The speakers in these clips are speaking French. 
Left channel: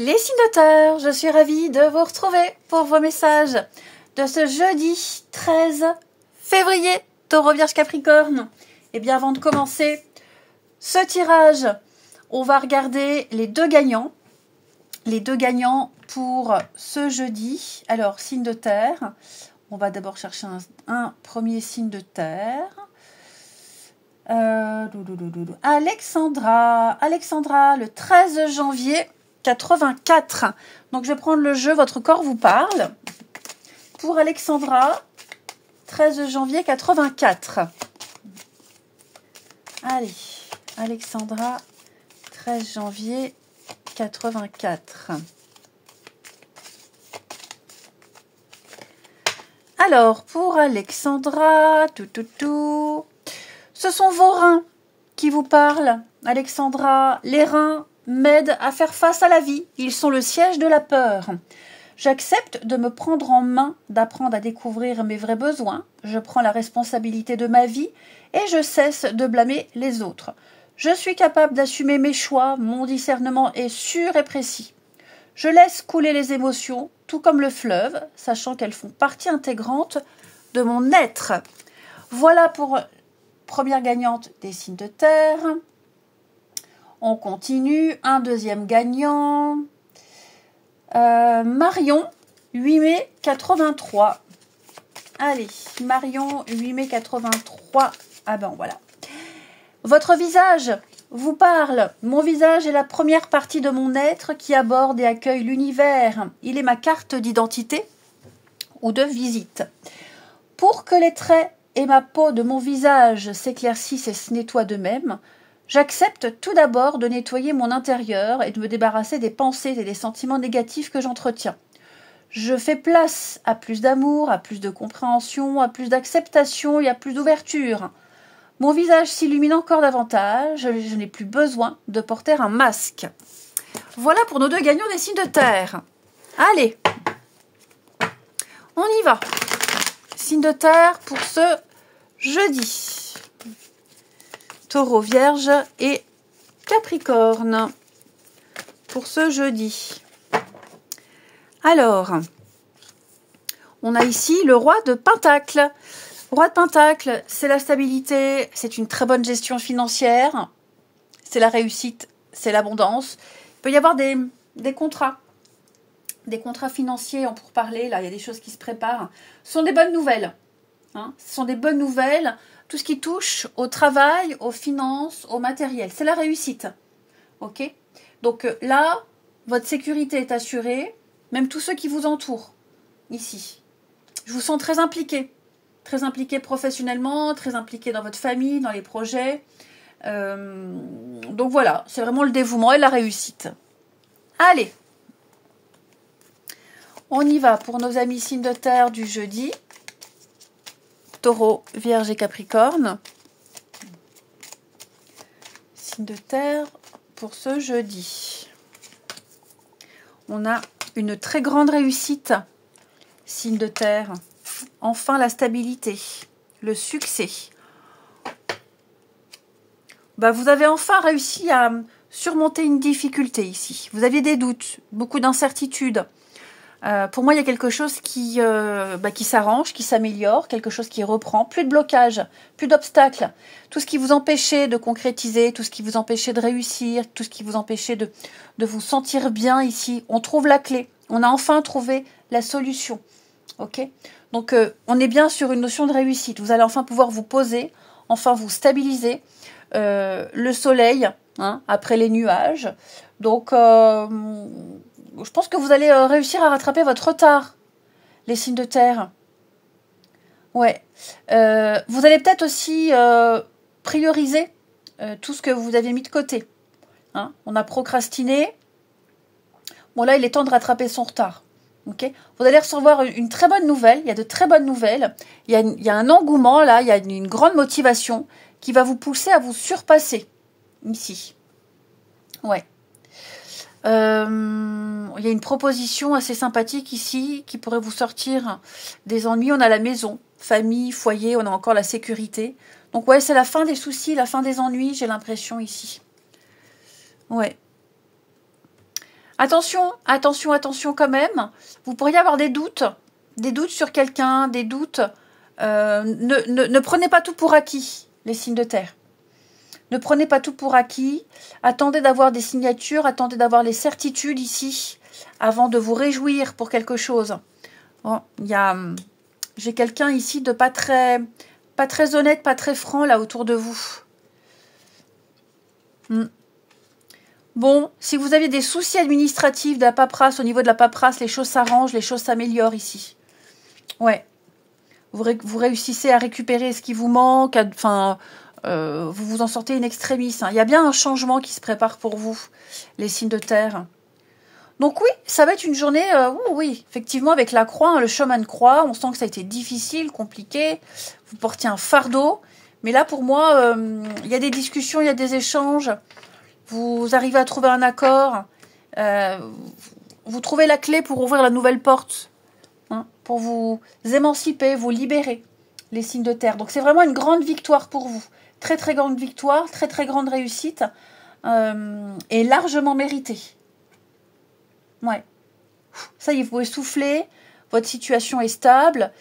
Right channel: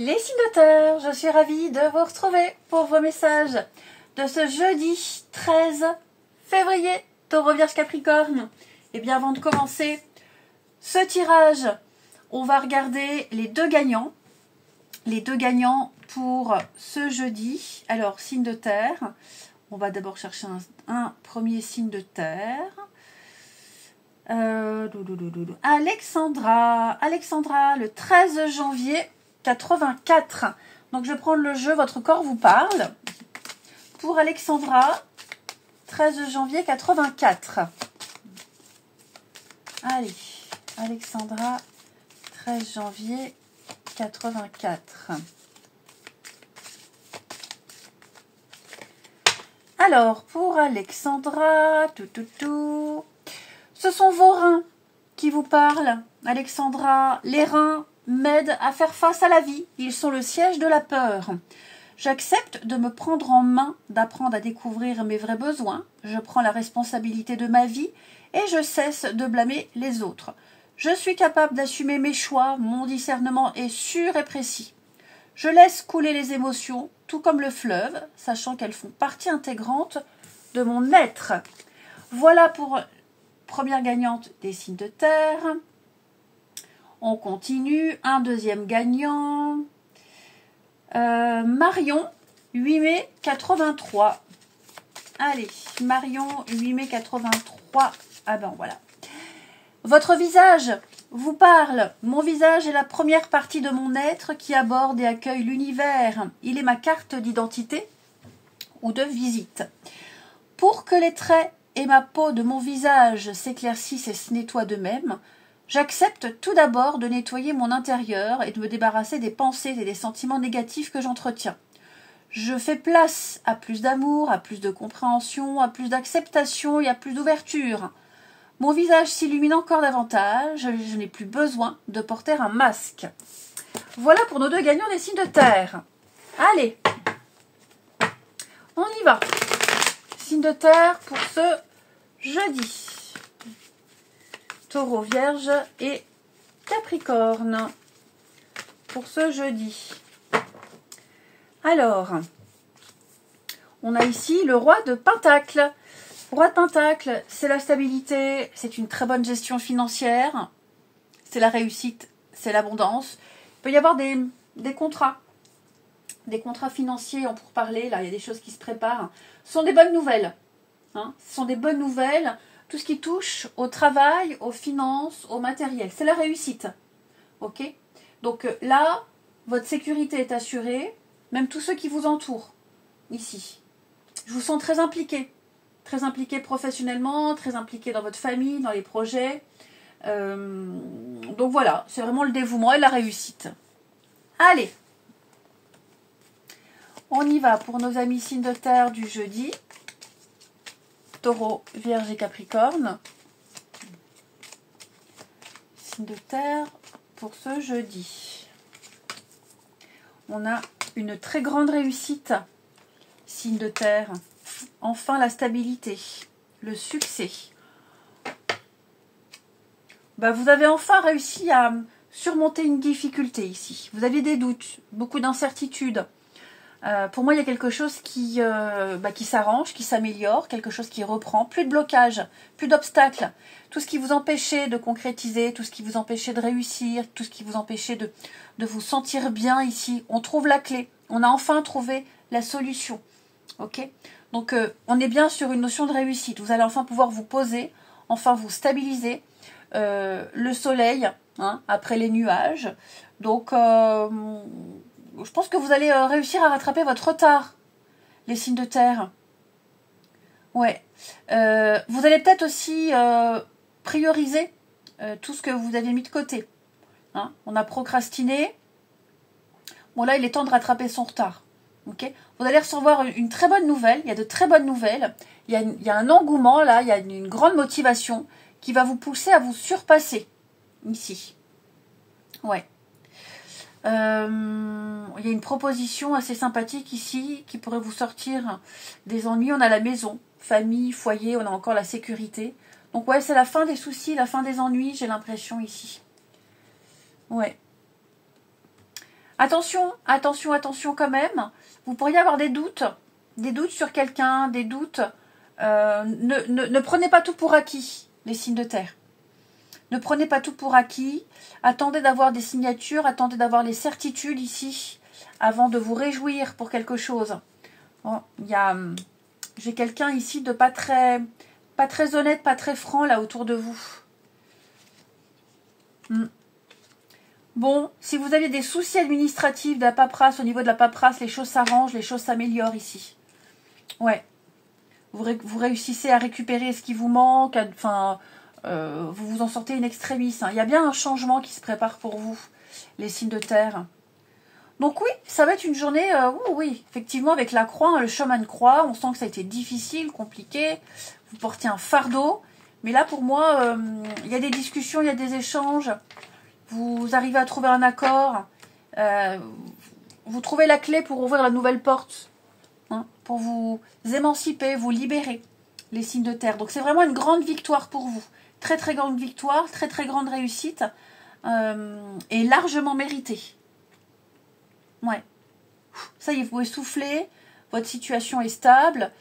Les signes de terre, je suis ravie de vous retrouver pour vos messages de ce jeudi 13 février, Taureau, Vierge, Capricorne. Et bien avant de commencer ce tirage, on va regarder les deux gagnants. Les deux gagnants pour ce jeudi. Alors, signe de terre. On va d'abord chercher un premier signe de terre. Alexandra, le 13 janvier 84. Donc, je vais prendre le jeu, votre corps vous parle. Pour Alexandra, 13 janvier 84. Allez, Alexandra, 13 janvier 84. Alors, pour Alexandra, ce sont vos reins qui vous parlent. Alexandra, les reins m'aident à faire face à la vie. Ils sont le siège de la peur. J'accepte de me prendre en main, d'apprendre à découvrir mes vrais besoins. Je prends la responsabilité de ma vie et je cesse de blâmer les autres. Je suis capable d'assumer mes choix, mon discernement est sûr et précis. Je laisse couler les émotions, tout comme le fleuve, sachant qu'elles font partie intégrante de mon être. Voilà pour première gagnante des signes de terre. On continue. Un deuxième gagnant. Marion, 8 mai 83. Allez, Marion, 8 mai 83. Ah ben voilà. Votre visage vous parle. Mon visage est la première partie de mon être qui aborde et accueille l'univers. Il est ma carte d'identité ou de visite. Pour que les traits et ma peau de mon visage s'éclaircissent et se nettoient d'eux-mêmes, j'accepte tout d'abord de nettoyer mon intérieur et de me débarrasser des pensées et des sentiments négatifs que j'entretiens. Je fais place à plus d'amour, à plus de compréhension, à plus d'acceptation et à plus d'ouverture. Mon visage s'illumine encore davantage, je n'ai plus besoin de porter un masque. Voilà pour nos deux gagnants des signes de terre. Allez, on y va. Signe de terre pour ce jeudi. Taureau, Vierge et Capricorne pour ce jeudi. Alors, on a ici le roi de Pentacle. Roi de Pentacle, c'est la stabilité, c'est une très bonne gestion financière, c'est la réussite, c'est l'abondance. Il peut y avoir des contrats financiers en pourparlers, là, il y a des choses qui se préparent. Ce sont des bonnes nouvelles. Hein, ce sont des bonnes nouvelles. Tout ce qui touche au travail, aux finances, au matériel, c'est la réussite. Ok? Donc là, votre sécurité est assurée, même tous ceux qui vous entourent, ici. Je vous sens très impliqué professionnellement, très impliqué dans votre famille, dans les projets. Donc voilà, c'est vraiment le dévouement et la réussite. Allez, on y va pour nos amis signes de terre du jeudi. Taureau, Vierge et Capricorne. Signe de terre pour ce jeudi. On a une très grande réussite. Signe de terre. Enfin la stabilité. Le succès. Vous avez enfin réussi à surmonter une difficulté ici. Vous aviez des doutes, beaucoup d'incertitudes. Pour moi, il y a quelque chose qui s'arrange, qui s'améliore, quelque chose qui reprend. Plus de blocage, plus d'obstacles. Tout ce qui vous empêchait de concrétiser, tout ce qui vous empêchait de réussir, tout ce qui vous empêchait de vous sentir bien ici. On trouve la clé. On a enfin trouvé la solution. Ok ? Donc, on est bien sur une notion de réussite. Vous allez enfin pouvoir vous poser, enfin vous stabiliser. Le soleil, hein, après les nuages. Donc, je pense que vous allez réussir à rattraper votre retard, les signes de terre. Ouais. Vous allez peut-être aussi prioriser tout ce que vous avez mis de côté. Hein, on a procrastiné. Bon, là, il est temps de rattraper son retard. Okay, vous allez recevoir une très bonne nouvelle. Il y a de très bonnes nouvelles. Il y a un engouement, là. Il y a une grande motivation qui va vous pousser à vous surpasser. Ici. Ouais. Il y a une proposition assez sympathique ici qui pourrait vous sortir des ennuis. On a la maison, famille, foyer, on a encore la sécurité. Donc ouais, c'est la fin des soucis, la fin des ennuis, j'ai l'impression ici. Ouais. Attention, attention, attention quand même. Vous pourriez avoir des doutes sur quelqu'un, des doutes. Ne prenez pas tout pour acquis, les signes de terre. Ne prenez pas tout pour acquis. Attendez d'avoir des signatures, attendez d'avoir les certitudes ici, avant de vous réjouir pour quelque chose. Bon, j'ai quelqu'un ici de pas très honnête, pas très franc là autour de vous. Bon, si vous aviez des soucis administratifs de la paperasse, au niveau de la paperasse, les choses s'arrangent, les choses s'améliorent ici. Ouais. Vous réussissez à récupérer ce qui vous manque, vous vous en sortez in extremis. Hein. Il y a bien un changement qui se prépare pour vous, les signes de terre. Donc oui, ça va être une journée, oui, effectivement, avec la croix, hein, le chemin de croix, on sent que ça a été difficile, compliqué, vous portiez un fardeau. Mais là, pour moi, il y a des discussions, il y a des échanges, vous arrivez à trouver un accord, vous trouvez la clé pour ouvrir la nouvelle porte, hein, pour vous émanciper, vous libérer, les signes de terre. Donc c'est vraiment une grande victoire pour vous. Très très grande victoire, très très grande réussite, et largement méritée. Ouais. Ça y est, vous pouvez souffler, votre situation est stable,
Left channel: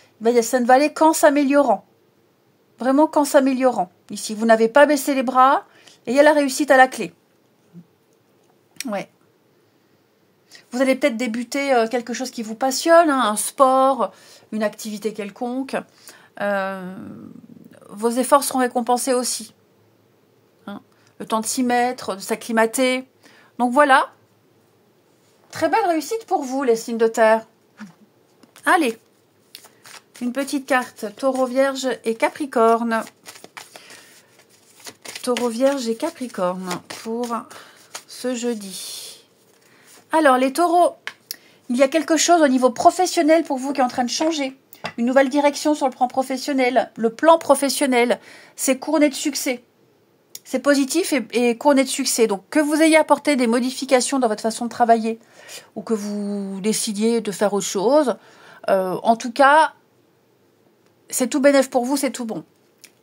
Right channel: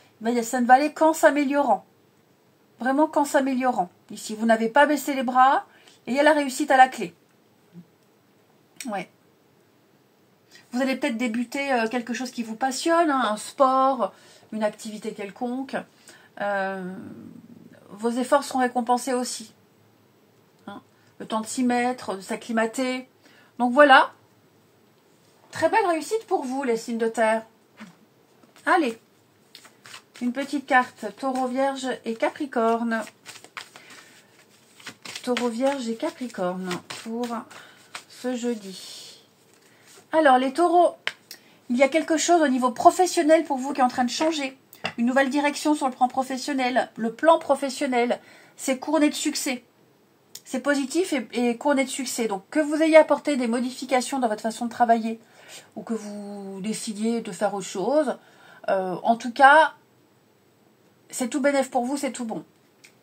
ça ne va aller qu'en s'améliorant. Vraiment qu'en s'améliorant. Ici, vous n'avez pas baissé les bras, et il y a la réussite à la clé. Ouais. Vous allez peut-être débuter quelque chose qui vous passionne, hein, un sport, une activité quelconque. Vos efforts seront récompensés aussi. Hein. Le temps de s'y mettre, de s'acclimater. Donc voilà. Très belle réussite pour vous, les signes de terre. Allez. Une petite carte. Taureau, Vierge et Capricorne. Taureau, Vierge et Capricorne pour ce jeudi. Alors, les taureaux, il y a quelque chose au niveau professionnel pour vous qui est en train de changer. Une nouvelle direction sur le plan professionnel. Le plan professionnel, c'est couronné de succès. C'est positif et couronné de succès. Donc, que vous ayez apporté des modifications dans votre façon de travailler ou que vous décidiez de faire autre chose, en tout cas, c'est tout bénef pour vous, c'est tout bon.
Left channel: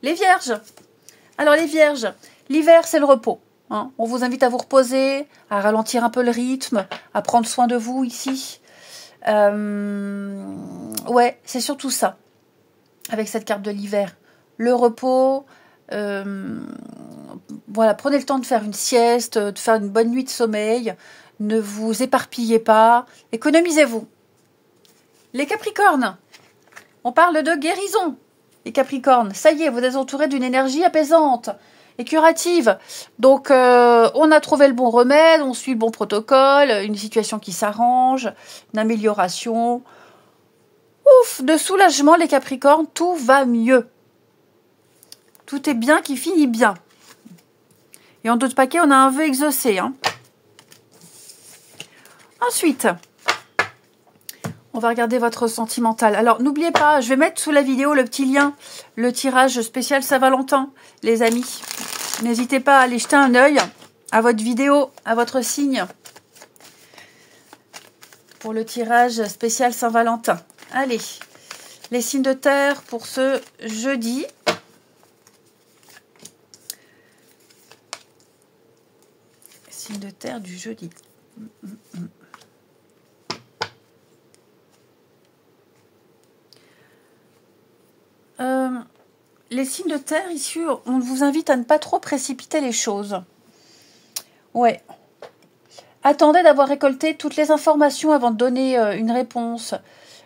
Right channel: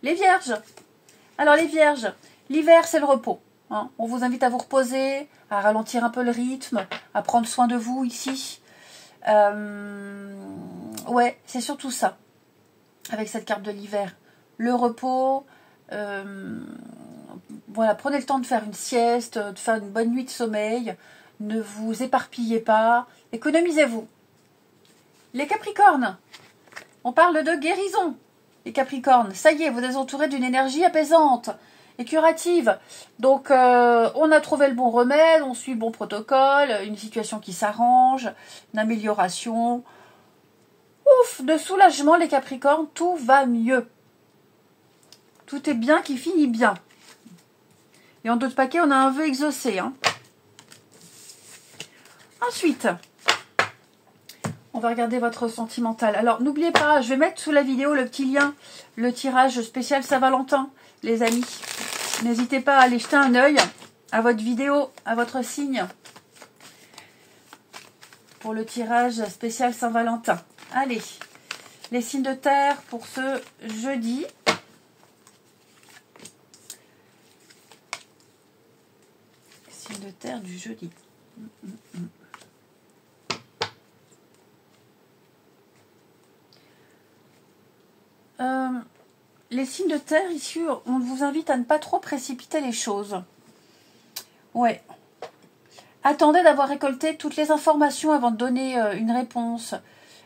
Les Vierges. Alors, les Vierges, l'hiver, c'est le repos. Hein. On vous invite à vous reposer, à ralentir un peu le rythme, à prendre soin de vous ici. Ouais, c'est surtout ça, avec cette carte de l'hiver. Le repos, voilà, prenez le temps de faire une sieste, de faire une bonne nuit de sommeil. Ne vous éparpillez pas, économisez-vous. Les Capricornes, on parle de guérison. Les Capricornes, ça y est, vous êtes entourés d'une énergie apaisante et curative. Donc, on a trouvé le bon remède, on suit le bon protocole, une situation qui s'arrange, une amélioration. Ouf, de soulagement, les Capricornes, tout va mieux. Tout est bien qui finit bien. Et en d'autres paquets, on a un vœu exaucé. Hein. Ensuite, on va regarder votre sentimental. Alors, n'oubliez pas, je vais mettre sous la vidéo le petit lien, le tirage spécial Saint-Valentin, les amis. N'hésitez pas à aller jeter un œil à votre vidéo, à votre signe, pour le tirage spécial Saint-Valentin. Allez, les signes de terre pour ce jeudi. Les signes de terre du jeudi. Les signes de terre, ici, on vous invite à ne pas trop précipiter les choses. Ouais. Attendez d'avoir récolté toutes les informations avant de donner une réponse.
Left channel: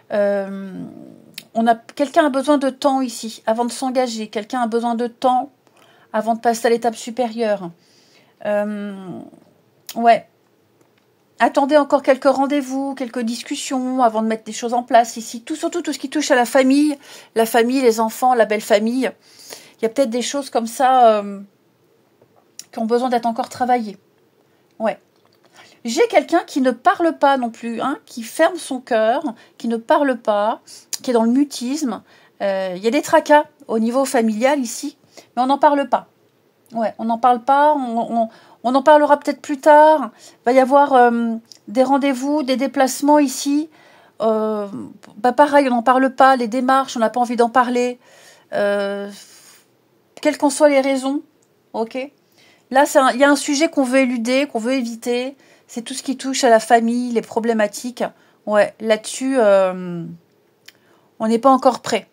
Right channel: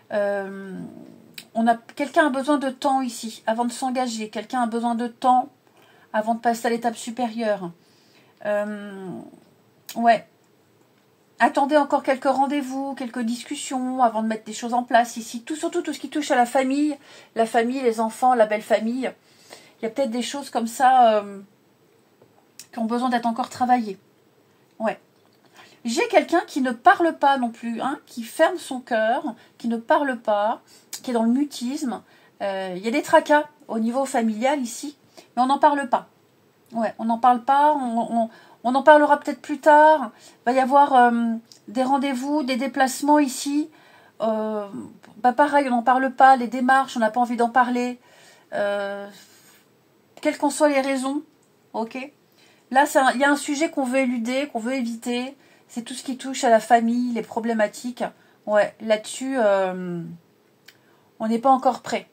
Quelqu'un a besoin de temps ici, avant de s'engager. Quelqu'un a besoin de temps avant de passer à l'étape supérieure. Ouais. Attendez encore quelques rendez-vous, quelques discussions avant de mettre des choses en place ici. Surtout tout ce qui touche à la famille, les enfants, la belle famille. Il y a peut-être des choses comme ça qui ont besoin d'être encore travaillées. Ouais. J'ai quelqu'un qui ne parle pas non plus, hein, qui ferme son cœur, qui ne parle pas, qui est dans le mutisme. Il y a des tracas au niveau familial ici, mais on n'en parle pas. Ouais, on n'en parle pas, on en parlera peut-être plus tard. Il va y avoir des rendez-vous, des déplacements ici. Pareil, on n'en parle pas. Les démarches, on n'a pas envie d'en parler. Quelles qu'en soient les raisons. Ok. Là, il y a un sujet qu'on veut éluder, qu'on veut éviter. C'est tout ce qui touche à la famille, les problématiques. Ouais, là-dessus, on n'est pas encore prêt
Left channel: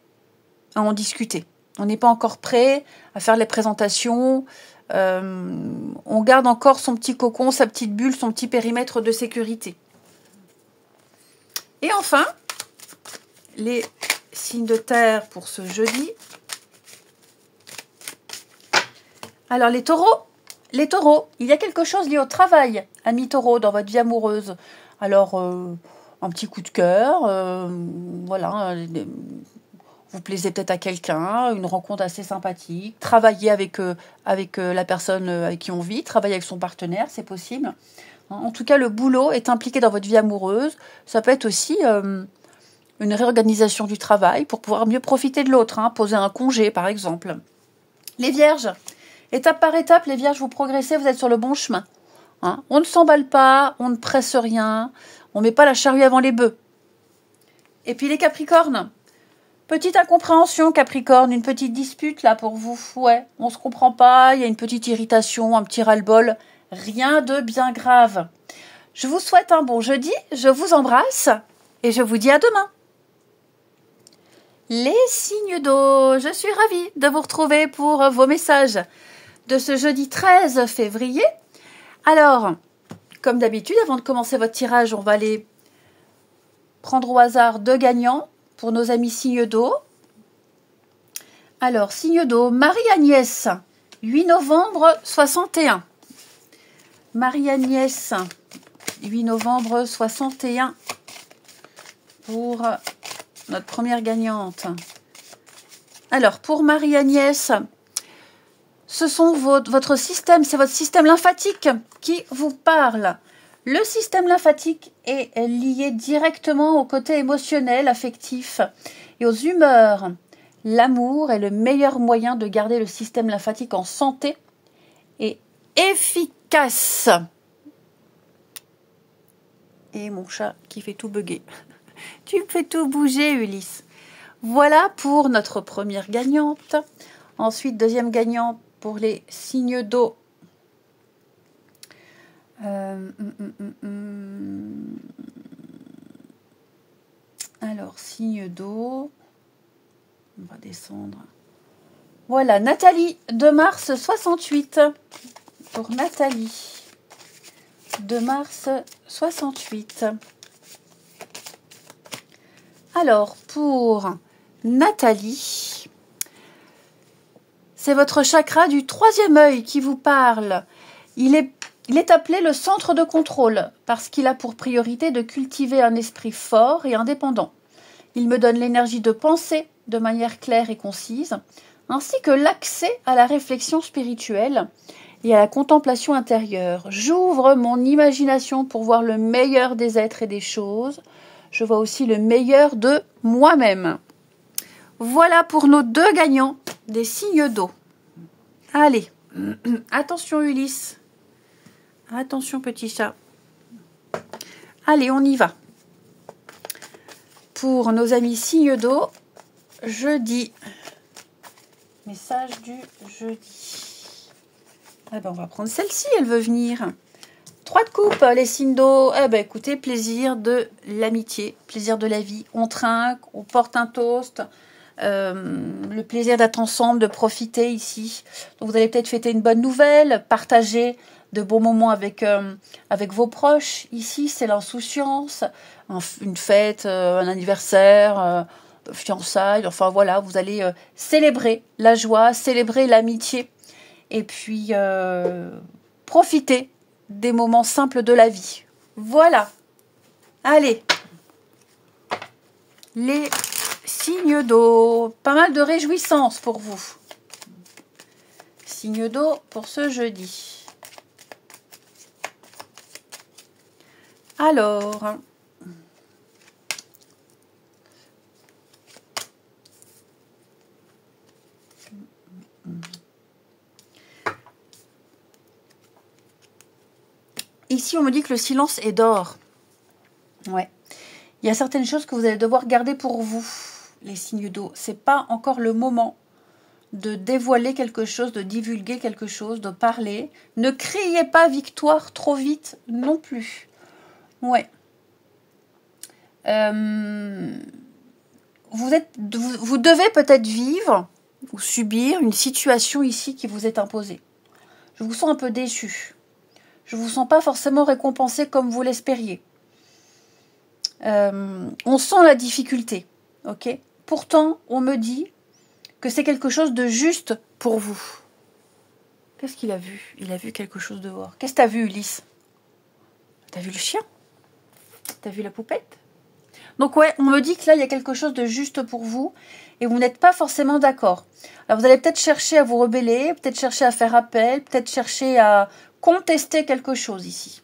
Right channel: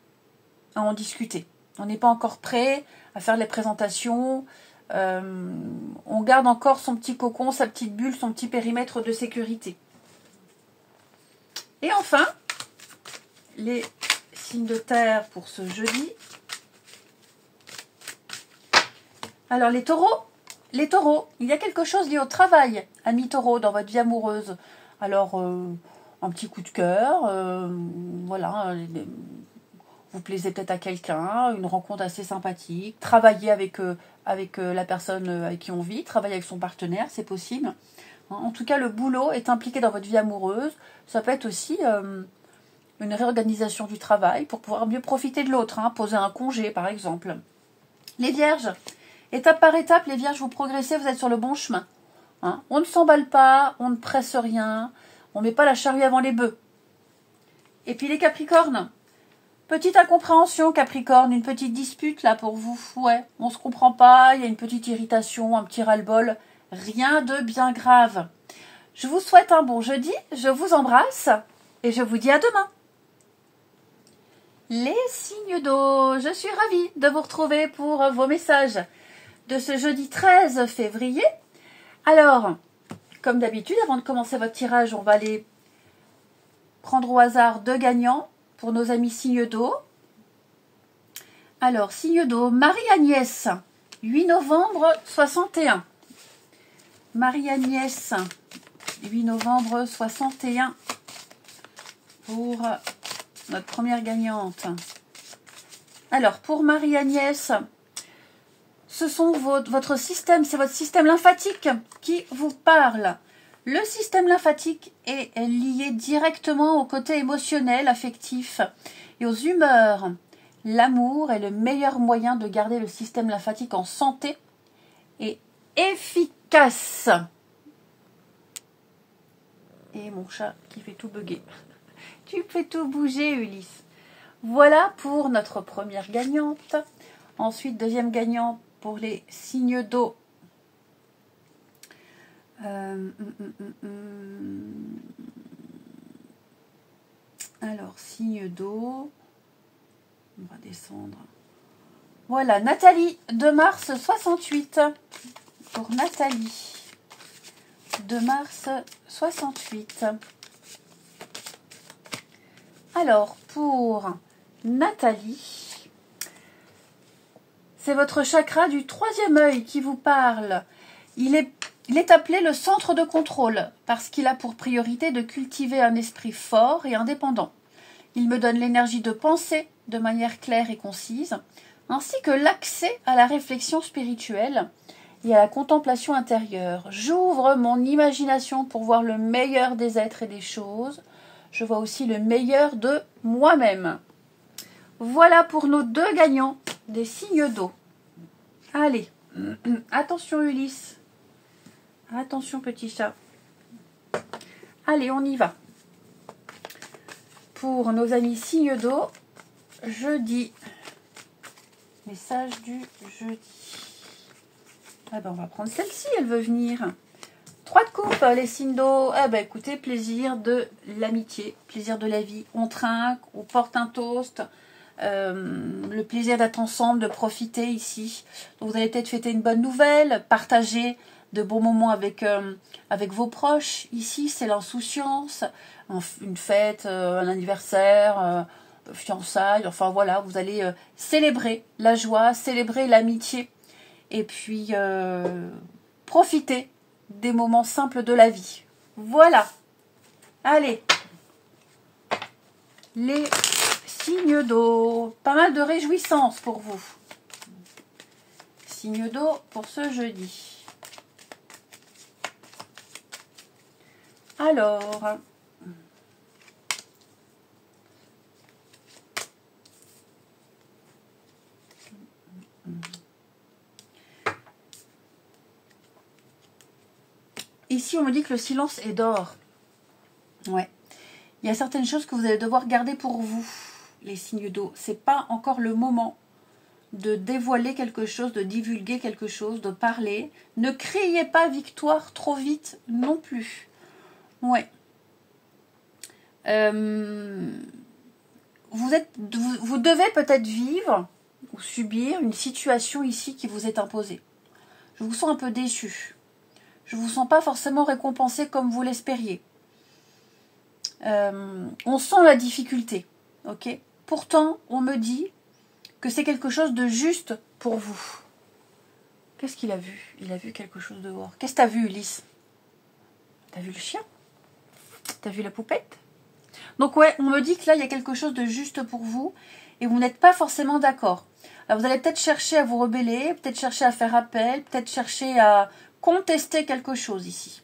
à en discuter. On n'est pas encore prêt à faire les présentations. On garde encore son petit cocon, sa petite bulle, son petit périmètre de sécurité. Et enfin, les signes de terre pour ce jeudi. Alors les taureaux, il y a quelque chose lié au travail, amis taureaux, dans votre vie amoureuse. Alors, un petit coup de cœur, voilà, vous plaisez peut-être à quelqu'un, une rencontre assez sympathique, travailler avec la personne avec qui on vit, travailler avec son partenaire, c'est possible. En tout cas, le boulot est impliqué dans votre vie amoureuse. Ça peut être aussi une réorganisation du travail pour pouvoir mieux profiter de l'autre, hein, poser un congé par exemple. Les vierges, étape par étape, les vierges, vous progressez, vous êtes sur le bon chemin. Hein. On ne s'emballe pas, on ne presse rien, on ne met pas la charrue avant les bœufs. Et puis les capricornes, petite incompréhension Capricorne, une petite dispute là pour vous. Ouais, on ne se comprend pas, il y a une petite irritation, un petit ras-le-bol, rien de bien grave. Je vous souhaite un bon jeudi, je vous embrasse et je vous dis à demain. Les signes d'eau, je suis ravie de vous retrouver pour vos messages de ce jeudi 13 février. Alors, comme d'habitude, avant de commencer votre tirage, on va aller prendre au hasard 2 gagnants pour nos amis signes d'eau. Alors, signe d'eau, Marie-Agnès, 8 novembre 61. Marie-Agnès, 8 novembre 61 pour notre première gagnante. Alors, pour Marie-Agnès, ce sont votre système, c'est votre système lymphatique qui vous parle. Le système lymphatique est lié directement au côté émotionnel, affectif et aux humeurs. L'amour est le meilleur moyen de garder le système lymphatique en santé et efficace. Et mon chat qui fait tout bugger. Tu fais tout bouger, Ulysse. Voilà pour notre première gagnante. Ensuite, deuxième gagnante pour les signes d'eau. Alors, signe d'eau. On va descendre. Voilà, Nathalie, 2 mars 68. Pour Nathalie. 2 mars 68. Alors, pour Nathalie, c'est votre chakra du 3e œil qui vous parle. Il est appelé le centre de contrôle parce qu'il a pour priorité de cultiver un esprit fort et indépendant. Il me donne l'énergie de penser de manière claire et concise, ainsi que l'accès à la réflexion spirituelle et à la contemplation intérieure. J'ouvre mon imagination pour voir le meilleur des êtres et des choses. Je vois aussi le meilleur de moi-même. Voilà pour nos 2 gagnants des signes d'eau. Allez, attention Ulysse. Attention petit chat. Allez, on y va. Pour nos amis signes d'eau, jeudi. Message du jeudi. Ah ben on va prendre celle-ci, elle veut venir. 3 de coupe, les signes d'eau. Eh ben écoutez, plaisir de l'amitié, plaisir de la vie. On trinque, on porte un toast. Le plaisir d'être ensemble, de profiter ici. Donc vous allez peut-être fêter une bonne nouvelle, partager de bons moments avec vos proches. Ici, c'est l'insouciance, une fête, un anniversaire, fiançailles. Enfin voilà, vous allez célébrer la joie, célébrer l'amitié et puis profiter des moments simples de la vie. Voilà. Allez. Les signes d'eau. Pas mal de réjouissance pour vous. Signe d'eau pour ce jeudi. Alors. Ici, on me dit que le silence est d'or. Ouais. Il y a certaines choses que vous allez devoir garder pour vous, les signes d'eau. C'est pas encore le moment de dévoiler quelque chose, de divulguer quelque chose, de parler. Ne criez pas victoire trop vite non plus. Ouais. Vous devez peut-être vivre ou subir une situation ici qui vous est imposée. Je vous sens un peu déçu. Je ne vous sens pas forcément récompensé comme vous l'espériez. On sent la difficulté, ok? Pourtant, on me dit que c'est quelque chose de juste pour vous. Qu'est-ce qu'il a vu? Il a vu quelque chose dehors. Qu'est-ce que tu as vu, Ulysse? T'as vu le chien? T'as vu la poupette? Donc ouais, on me dit que là, il y a quelque chose de juste pour vous et vous n'êtes pas forcément d'accord. Alors vous allez peut-être chercher à vous rebeller, peut-être chercher à faire appel, peut-être chercher à contester quelque chose ici.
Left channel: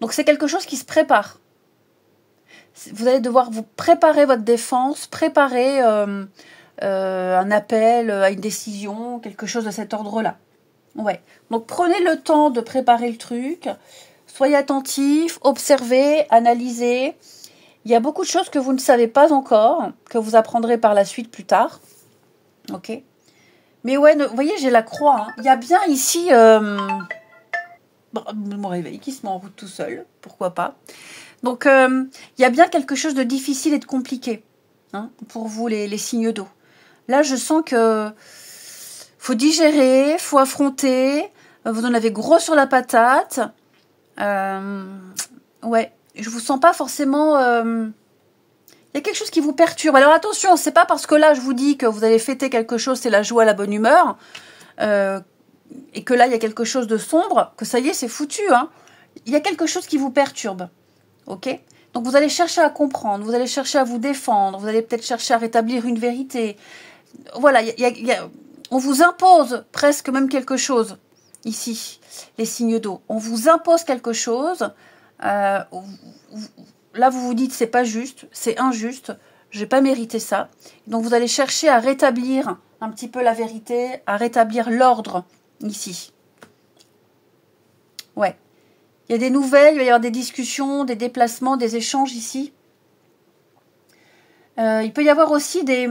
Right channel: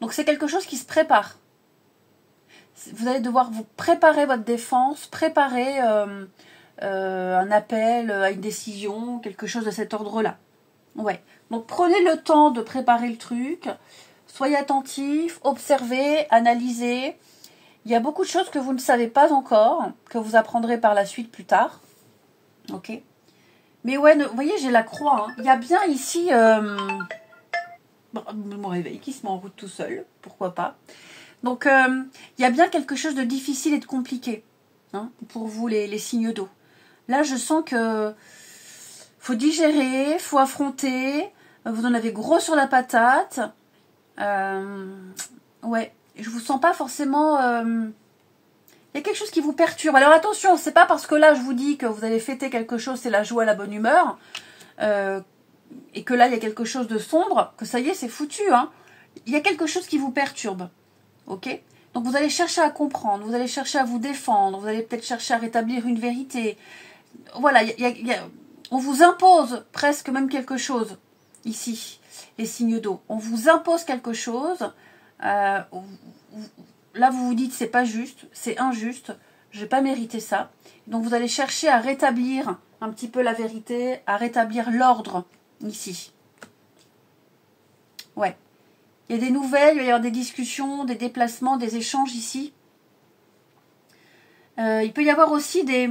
Donc c'est quelque chose qui se prépare. Vous allez devoir vous préparer votre défense, préparer un appel à une décision, quelque chose de cet ordre-là. Ouais. Donc prenez le temps de préparer le truc, soyez attentifs, observez, analysez. Il y a beaucoup de choses que vous ne savez pas encore, que vous apprendrez par la suite plus tard. Ok. Mais ouais, vous voyez, j'ai la croix. Hein. Il y a bien ici mon réveil qui se met en route tout seul, pourquoi pas. Donc, il y a bien quelque chose de difficile et de compliqué hein, pour vous, les signes d'eau. Là, je sens que faut digérer, faut affronter. Vous en avez gros sur la patate. Ouais, je vous sens pas forcément... Il y a quelque chose qui vous perturbe. Alors attention, c'est pas parce que là, je vous dis que vous allez fêter quelque chose, c'est la joie, la bonne humeur, et que là, il y a quelque chose de sombre, que ça y est, c'est foutu. Hein. Il y a quelque chose qui vous perturbe. Ok? Donc vous allez chercher à comprendre, vous allez chercher à vous défendre, vous allez peut-être chercher à rétablir une vérité. Voilà, on vous impose presque même quelque chose ici, les signes d'eau. On vous impose quelque chose. Là, vous vous dites c'est pas juste, c'est injuste, je n'ai pas mérité ça. Donc vous allez chercher à rétablir un petit peu la vérité, à rétablir l'ordre ici. Ouais. Il y a des nouvelles, il va y avoir des discussions, des déplacements, des échanges ici. Il peut y avoir aussi des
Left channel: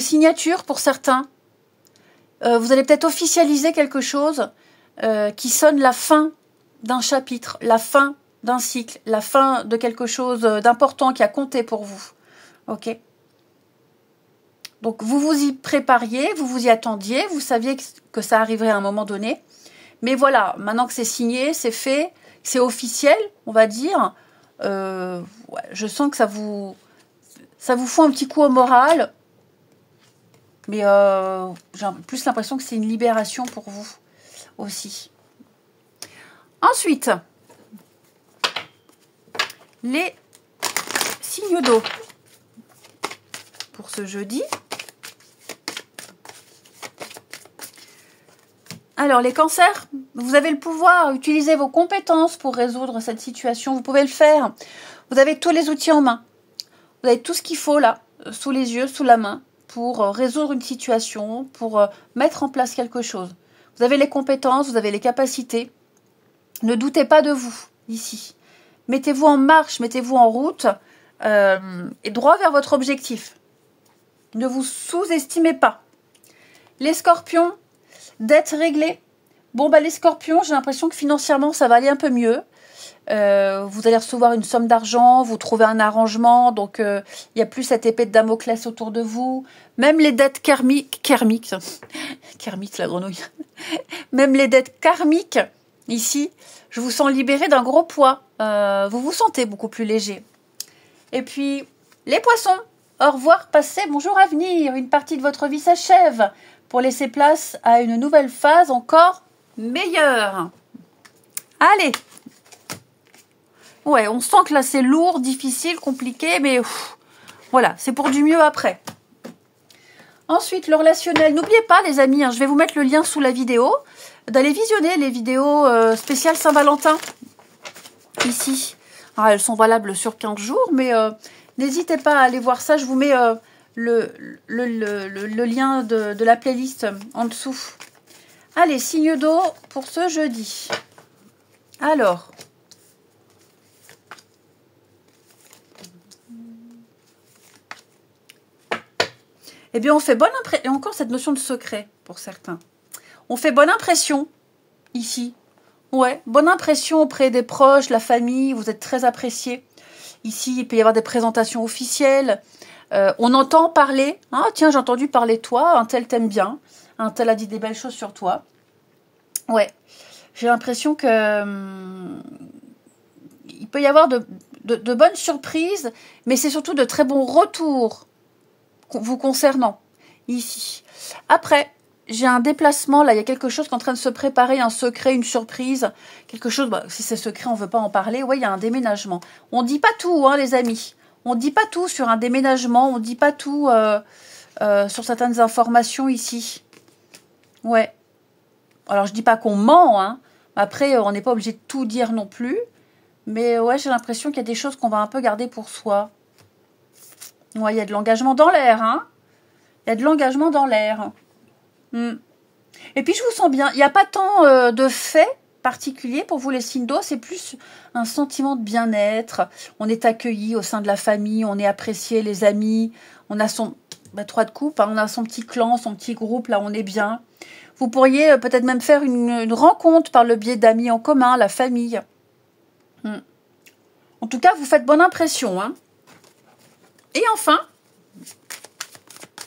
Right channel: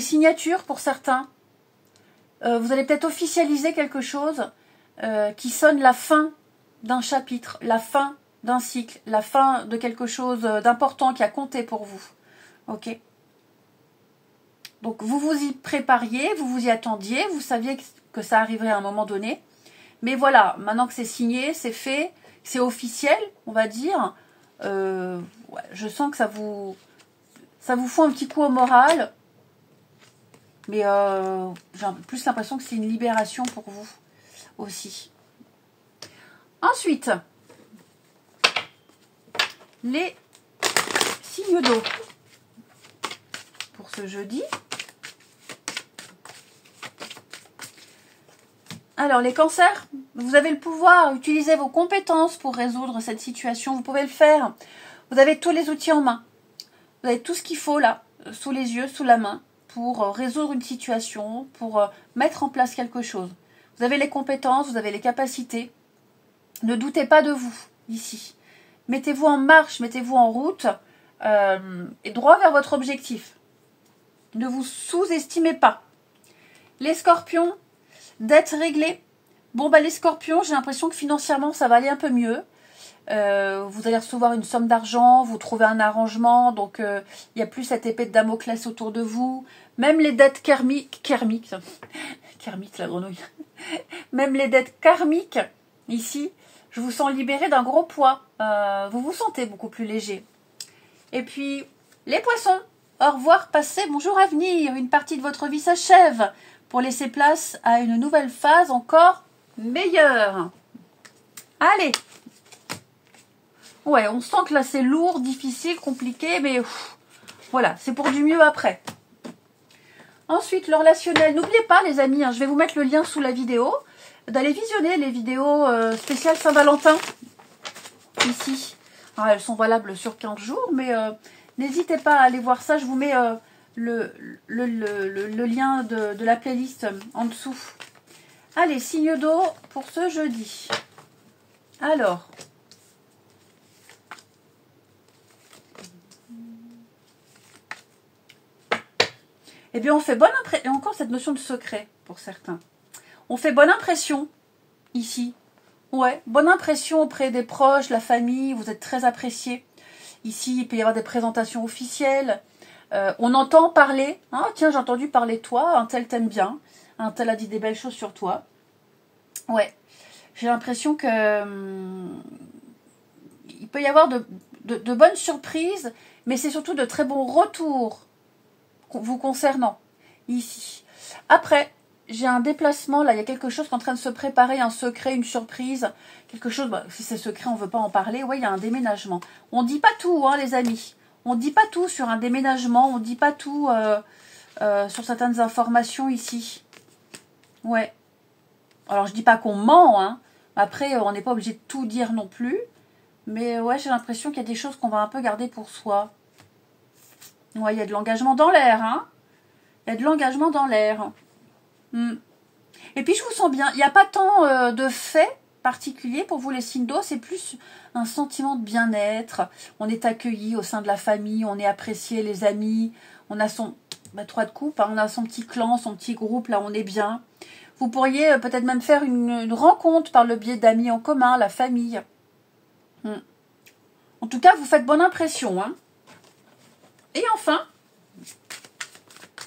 signatures pour certains. Vous allez peut-être officialiser quelque chose qui sonne la fin d'un chapitre, la fin d'un cycle, la fin de quelque chose d'important qui a compté pour vous. Ok? Donc vous vous y prépariez, vous vous y attendiez, vous saviez que ça arriverait à un moment donné. Mais voilà, maintenant que c'est signé, c'est fait, c'est officiel, on va dire. Ouais, je sens que ça vous fout un petit coup au moral. Mais j'ai plus l'impression que c'est une libération pour vous aussi. Ensuite, les signes d'eau pour ce jeudi. Alors, les cancers, vous avez le pouvoir, utilisez vos compétences pour résoudre cette situation. Vous pouvez le faire. Vous avez tous les outils en main. Vous avez tout ce qu'il faut là, sous les yeux, sous la main, pour résoudre une situation, pour mettre en place quelque chose. Vous avez les compétences, vous avez les capacités. Ne doutez pas de vous, ici. Mettez-vous en marche, mettez-vous en route et droit vers votre objectif. Ne vous sous-estimez pas. Les scorpions, dettes réglées. Bon, bah les scorpions, j'ai l'impression que financièrement, ça va aller un peu mieux. Vous allez recevoir une somme d'argent, vous trouvez un arrangement, donc il n'y a plus cette épée de Damoclès autour de vous. Même les dettes kermiques, kermite la grenouille, même les dettes karmiques, ici, je vous sens libéré d'un gros poids. Vous vous sentez beaucoup plus léger. Et puis, les poissons, au revoir, passé, bonjour à venir. Une partie de votre vie s'achève pour laisser place à une nouvelle phase encore meilleure. Allez. Ouais, on sent que là c'est lourd, difficile, compliqué, mais voilà, c'est pour du mieux après. Ensuite, le relationnel. N'oubliez pas les amis, hein, je vais vous mettre le lien sous la vidéo, d'aller visionner les vidéos spéciales Saint-Valentin. Ici. Alors, elles sont valables sur 15 jours, mais n'hésitez pas à aller voir ça. Je vous mets le lien de la playlist en dessous. Allez, signe d'eau pour ce jeudi. Alors... eh bien on fait bonne impression. Et encore cette notion de secret pour certains. On fait bonne impression ici. Ouais, bonne impression auprès des proches, la famille, vous êtes très appréciés. Ici, il peut y avoir des présentations officielles. On entend parler. Ah, tiens, j'ai entendu parler de toi. Un tel t'aime bien. Un tel a dit des belles choses sur toi. Ouais. J'ai l'impression que il peut y avoir de bonnes surprises, mais c'est surtout de très bons retours vous concernant ici. Après, j'ai un déplacement. Là, il y a quelque chose qui est en train de se préparer, un secret, une surprise. Quelque chose, bah, si c'est secret, on ne veut pas en parler. Ouais, il y a un déménagement. On ne dit pas tout, hein, les amis. On ne dit pas tout sur un déménagement. On ne dit pas tout sur certaines informations ici. Ouais. Alors, je ne dis pas qu'on ment, hein. Après, on n'est pas obligé de tout dire non plus. Mais ouais, j'ai l'impression qu'il y a des choses qu'on va un peu garder pour soi. Ouais, il y a de l'engagement dans l'air, hein. Il y a de l'engagement dans l'air. Et puis, je vous sens bien. Il n'y a pas tant de faits particuliers pour vous, les signes d'eau. C'est plus un sentiment de bien-être. On est accueilli au sein de la famille. On est apprécié, les amis. On a son... Bah, 3 de coupe, hein, on a son petit clan, son petit groupe. Là, on est bien. Vous pourriez peut-être même faire une rencontre par le biais d'amis en commun, la famille. En tout cas, vous faites bonne impression. Hein. Et enfin,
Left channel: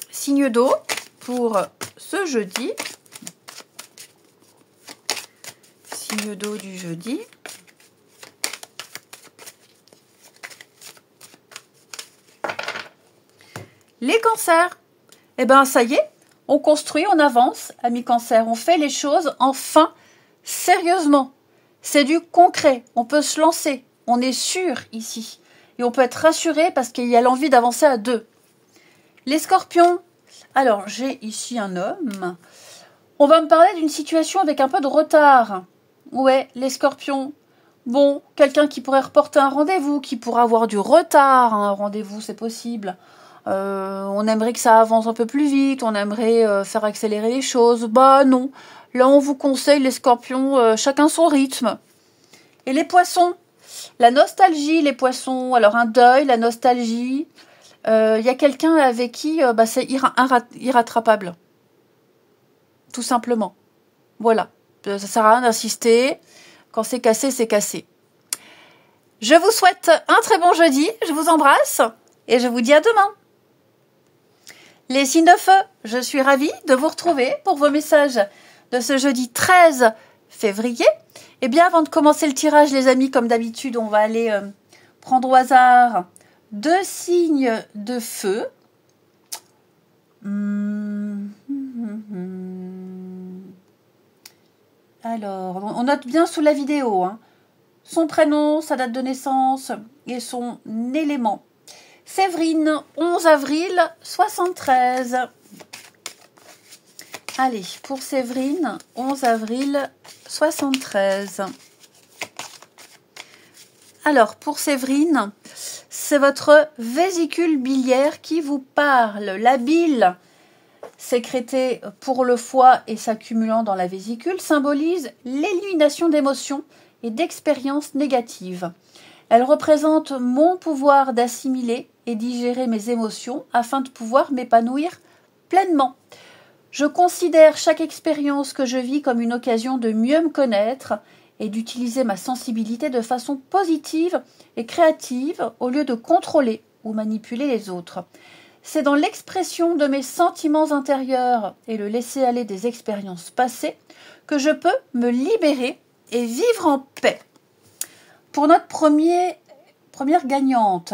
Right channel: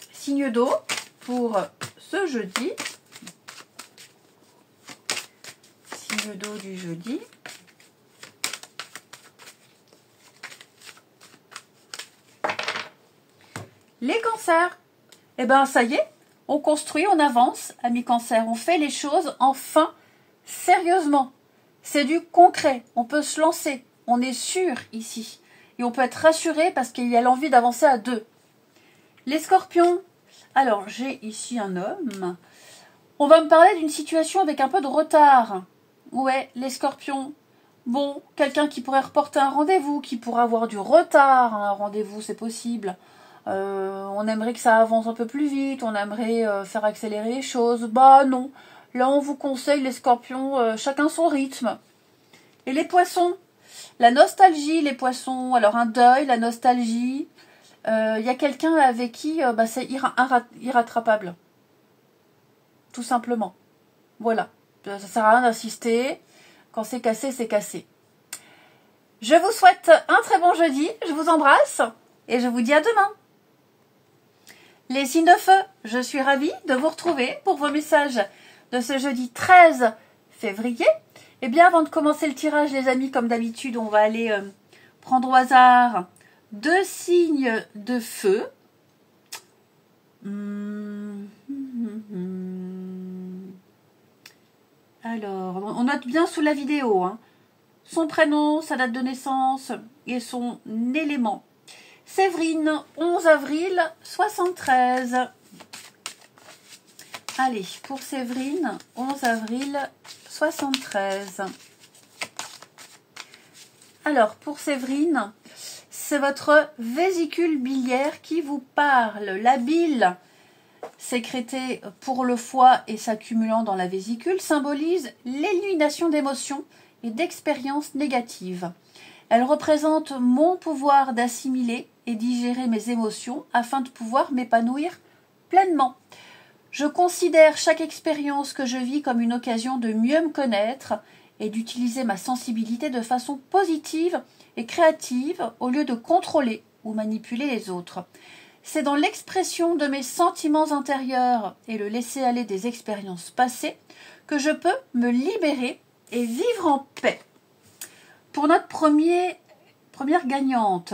signe d'eau pour ce jeudi. Signe d'eau du jeudi. Les cancers. Eh bien, ça y est, on construit, on avance, amis cancers. On fait les choses, enfin, sérieusement. C'est du concret. On peut se lancer. On est sûr ici. Et on peut être rassuré parce qu'il y a l'envie d'avancer à 2. Les scorpions. Alors, j'ai ici un homme. On va me parler d'une situation avec un peu de retard. Ouais, les scorpions. Bon, quelqu'un qui pourrait reporter un rendez-vous, qui pourrait avoir du retard. Un rendez-vous, c'est possible. On aimerait que ça avance un peu plus vite. On aimerait faire accélérer les choses. Bah non. Là, on vous conseille, les scorpions, chacun son rythme. Et les poissons. La nostalgie, les poissons. Alors, un deuil, la nostalgie. Il y a quelqu'un avec qui c'est irrattrapable. Tout simplement. Voilà. Ça sert à rien d'insister. Quand c'est cassé, c'est cassé. Je vous souhaite un très bon jeudi. Je vous embrasse. Et je vous dis à demain. Les signes de feu, je suis ravie de vous retrouver pour vos messages de ce jeudi 13 février. Et bien, avant de commencer le tirage, les amis, comme d'habitude, on va aller prendre au hasard 2 signes de feu. Alors, on note bien sous la vidéo, hein, son prénom, sa date de naissance et son élément. Séverine, 11 avril 73. Allez, pour Séverine, 11 avril 73. Alors, pour Séverine, c'est votre vésicule biliaire qui vous parle. La bile, sécrétée pour le foie et s'accumulant dans la vésicule, symbolise l'élimination d'émotions et d'expériences négatives. Elle représente mon pouvoir d'assimiler et digérer mes émotions afin de pouvoir m'épanouir pleinement. Je considère chaque expérience que je vis comme une occasion de mieux me connaître et d'utiliser ma sensibilité de façon positive et créative au lieu de contrôler ou manipuler les autres. C'est dans l'expression de mes sentiments intérieurs et le laisser-aller des expériences passées que je peux me libérer et vivre en paix. Pour notre première gagnante,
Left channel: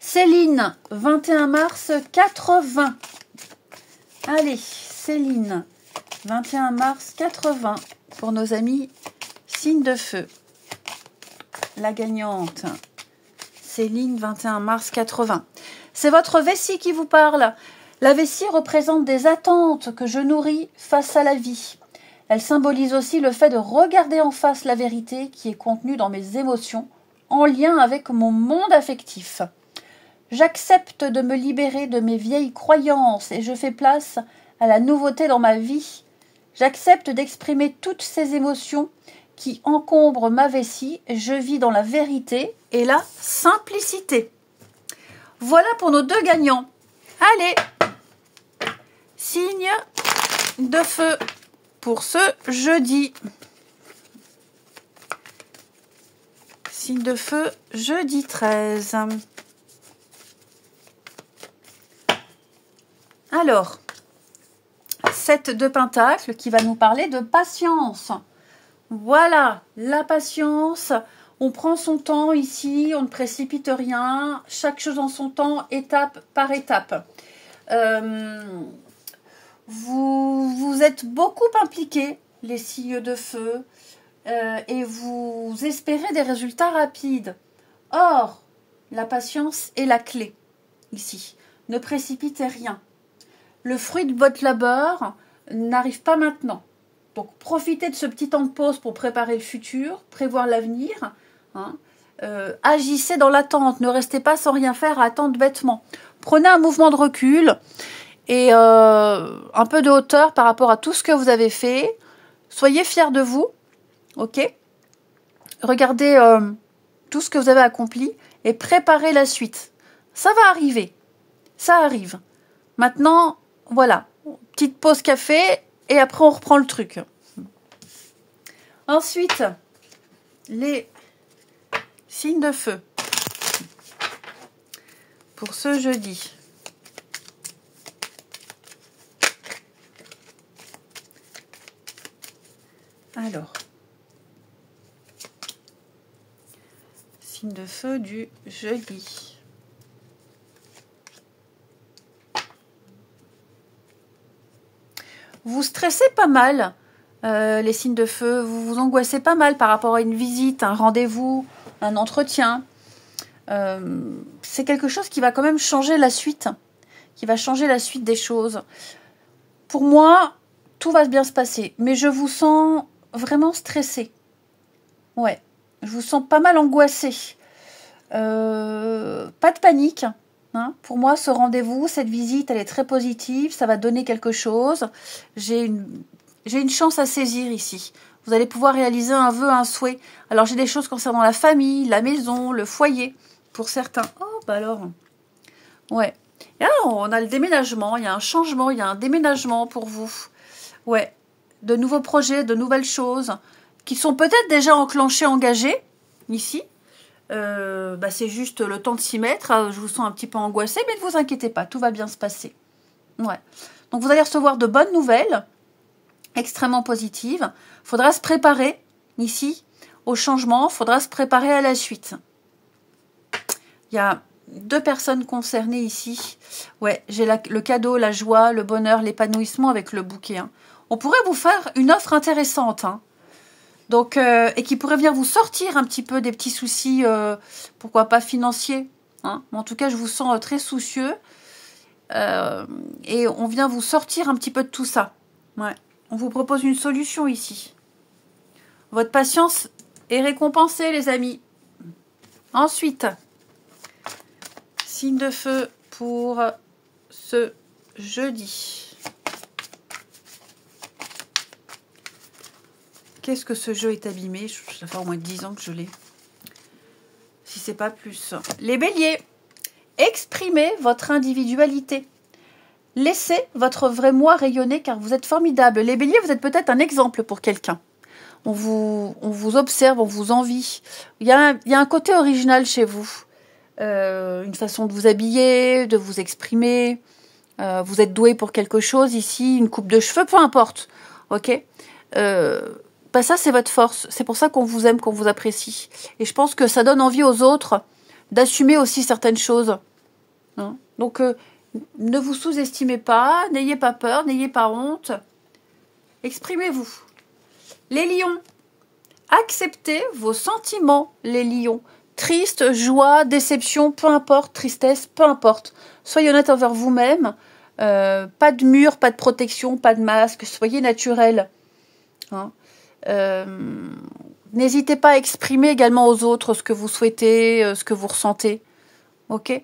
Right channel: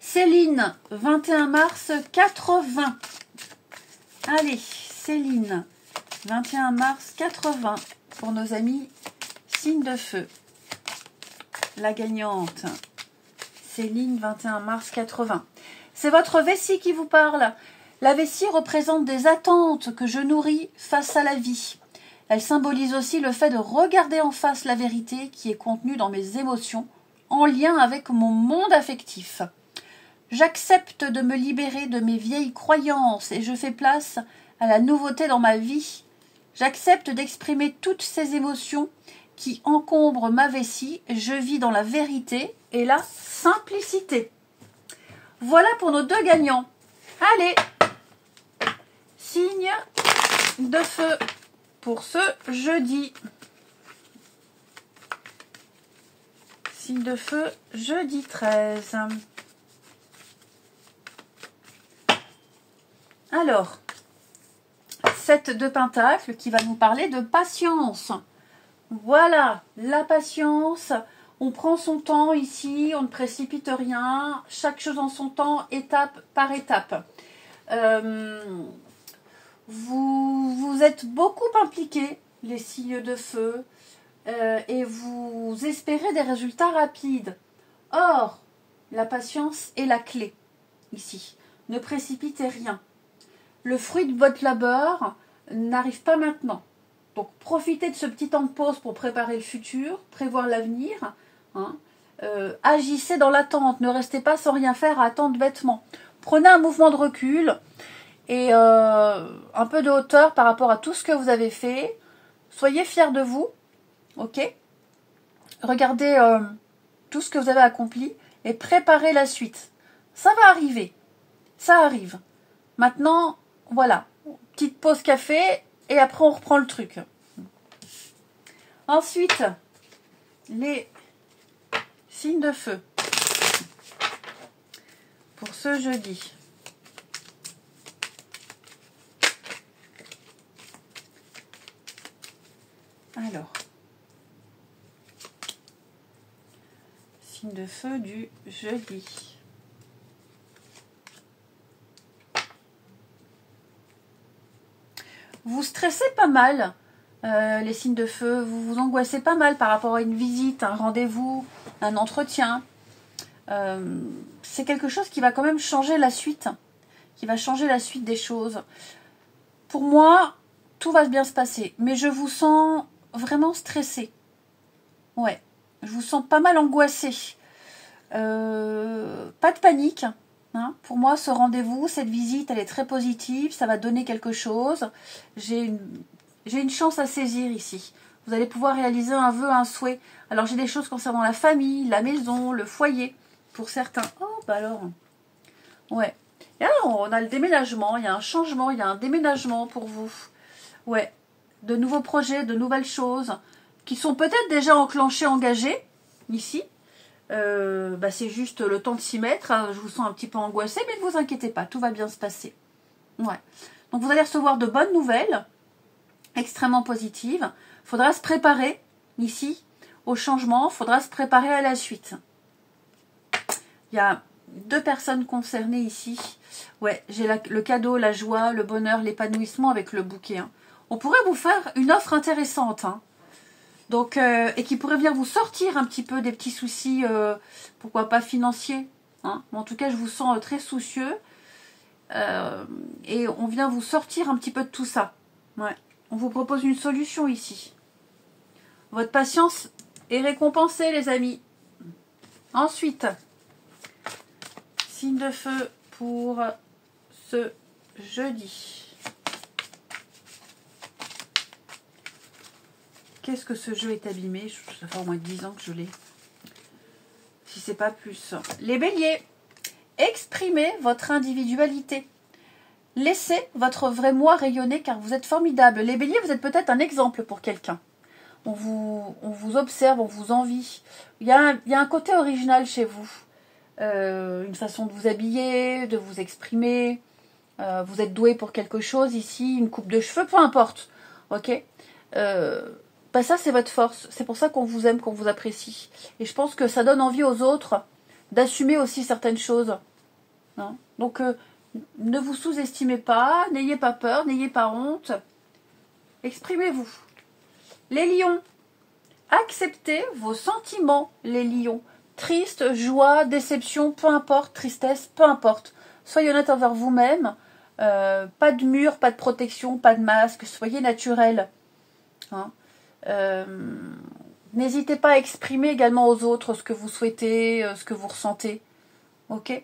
Céline, 21 mars 80. Allez, Céline, 21 mars 80, pour nos amis signes de feu. La gagnante, Céline, 21 mars 80. C'est votre vessie qui vous parle. La vessie représente des attentes que je nourris face à la vie. Elle symbolise aussi le fait de regarder en face la vérité qui est contenue dans mes émotions en lien avec mon monde affectif. J'accepte de me libérer de mes vieilles croyances et je fais place à la nouveauté dans ma vie. J'accepte d'exprimer toutes ces émotions qui encombrent ma vessie. Je vis dans la vérité et la simplicité. Voilà pour nos 2 gagnants. Allez, signe de feu pour ce jeudi. Signe de feu, jeudi 13. Alors, 7 de Pentacle qui va nous parler de patience. Voilà, la patience. On prend son temps ici, on ne précipite rien. Chaque chose en son temps, étape par étape. Vous êtes beaucoup impliqués, les signes de feu. Et vous espérez des résultats rapides. Or, la patience est la clé ici. Ne précipitez rien. Le fruit de votre labeur n'arrive pas maintenant. Donc, profitez de ce petit temps de pause pour préparer le futur, prévoir l'avenir. Hein. Agissez dans l'attente. Ne restez pas sans rien faire à attendre bêtement. Prenez un mouvement de recul et un peu de hauteur par rapport à tout ce que vous avez fait. Soyez fiers de vous. Ok, regardez tout ce que vous avez accompli et préparez la suite. Ça va arriver, ça arrive. Maintenant, voilà, petite pause café et après on reprend le truc. Ensuite, les signes de feu pour ce jeudi. Alors. De feu du jeudi. Vous stressez pas mal, les signes de feu. Vous vous angoissez pas mal par rapport à une visite, un rendez-vous, un entretien. C'est quelque chose qui va quand même changer la suite, qui va changer la suite des choses. Pour moi, tout va bien se passer, mais je vous sens vraiment stressé. Ouais. Je vous sens pas mal angoissé. Pas de panique. Hein. Pour moi, ce rendez-vous, cette visite, elle est très positive. Ça va donner quelque chose. J'ai une chance à saisir ici. Vous allez pouvoir réaliser un vœu, un souhait. Alors, j'ai des choses concernant la famille, la maison, le foyer, pour certains. Oh, bah alors. Ouais. Et alors, on a le déménagement. Il y a un changement, il y a un déménagement pour vous. Ouais. De nouveaux projets, de nouvelles choses qui sont peut-être déjà enclenchés, engagés, ici. C'est juste le temps de s'y mettre. Je vous sens un petit peu angoissé, mais ne vous inquiétez pas, tout va bien se passer. Ouais. Donc vous allez recevoir de bonnes nouvelles, extrêmement positives. Il faudra se préparer, ici, au changement. Il faudra se préparer à la suite. Il y a 2 personnes concernées ici. Ouais, j'ai le cadeau, la joie, le bonheur, l'épanouissement avec le bouquet. Hein. On pourrait vous faire une offre intéressante, hein. Donc, et qui pourrait venir vous sortir un petit peu des petits soucis, pourquoi pas financiers. Hein. En tout cas, je vous sens très soucieux. Et on vient vous sortir un petit peu de tout ça. Ouais. On vous propose une solution ici. Votre patience est récompensée, les amis. Ensuite, signe de feu pour ce jeudi. Qu'est-ce que ce jeu est abîmé? Ça fait au moins 10 ans que je l'ai. Si c'est pas plus. Les béliers, exprimez votre individualité. Laissez votre vrai moi rayonner car vous êtes formidable. Les béliers, vous êtes peut-être un exemple pour quelqu'un. On vous observe, on vous envie. Il y a un côté original chez vous. Une façon de vous habiller, de vous exprimer. Vous êtes doué pour quelque chose ici, une coupe de cheveux, peu importe. Ok, ça, c'est votre force. C'est pour ça qu'on vous aime, qu'on vous apprécie. Et je pense que ça donne envie aux autres d'assumer aussi certaines choses. Hein. Donc, ne vous sous-estimez pas, n'ayez pas peur, n'ayez pas honte. Exprimez-vous. Les lions, acceptez vos sentiments, les lions. Triste, joie, déception, peu importe, tristesse, peu importe. Soyez honnête envers vous-même. Pas de mur, pas de protection, pas de masque. Soyez naturel. Hein. N'hésitez pas à exprimer également aux autres ce que vous souhaitez, ce que vous ressentez. Ok?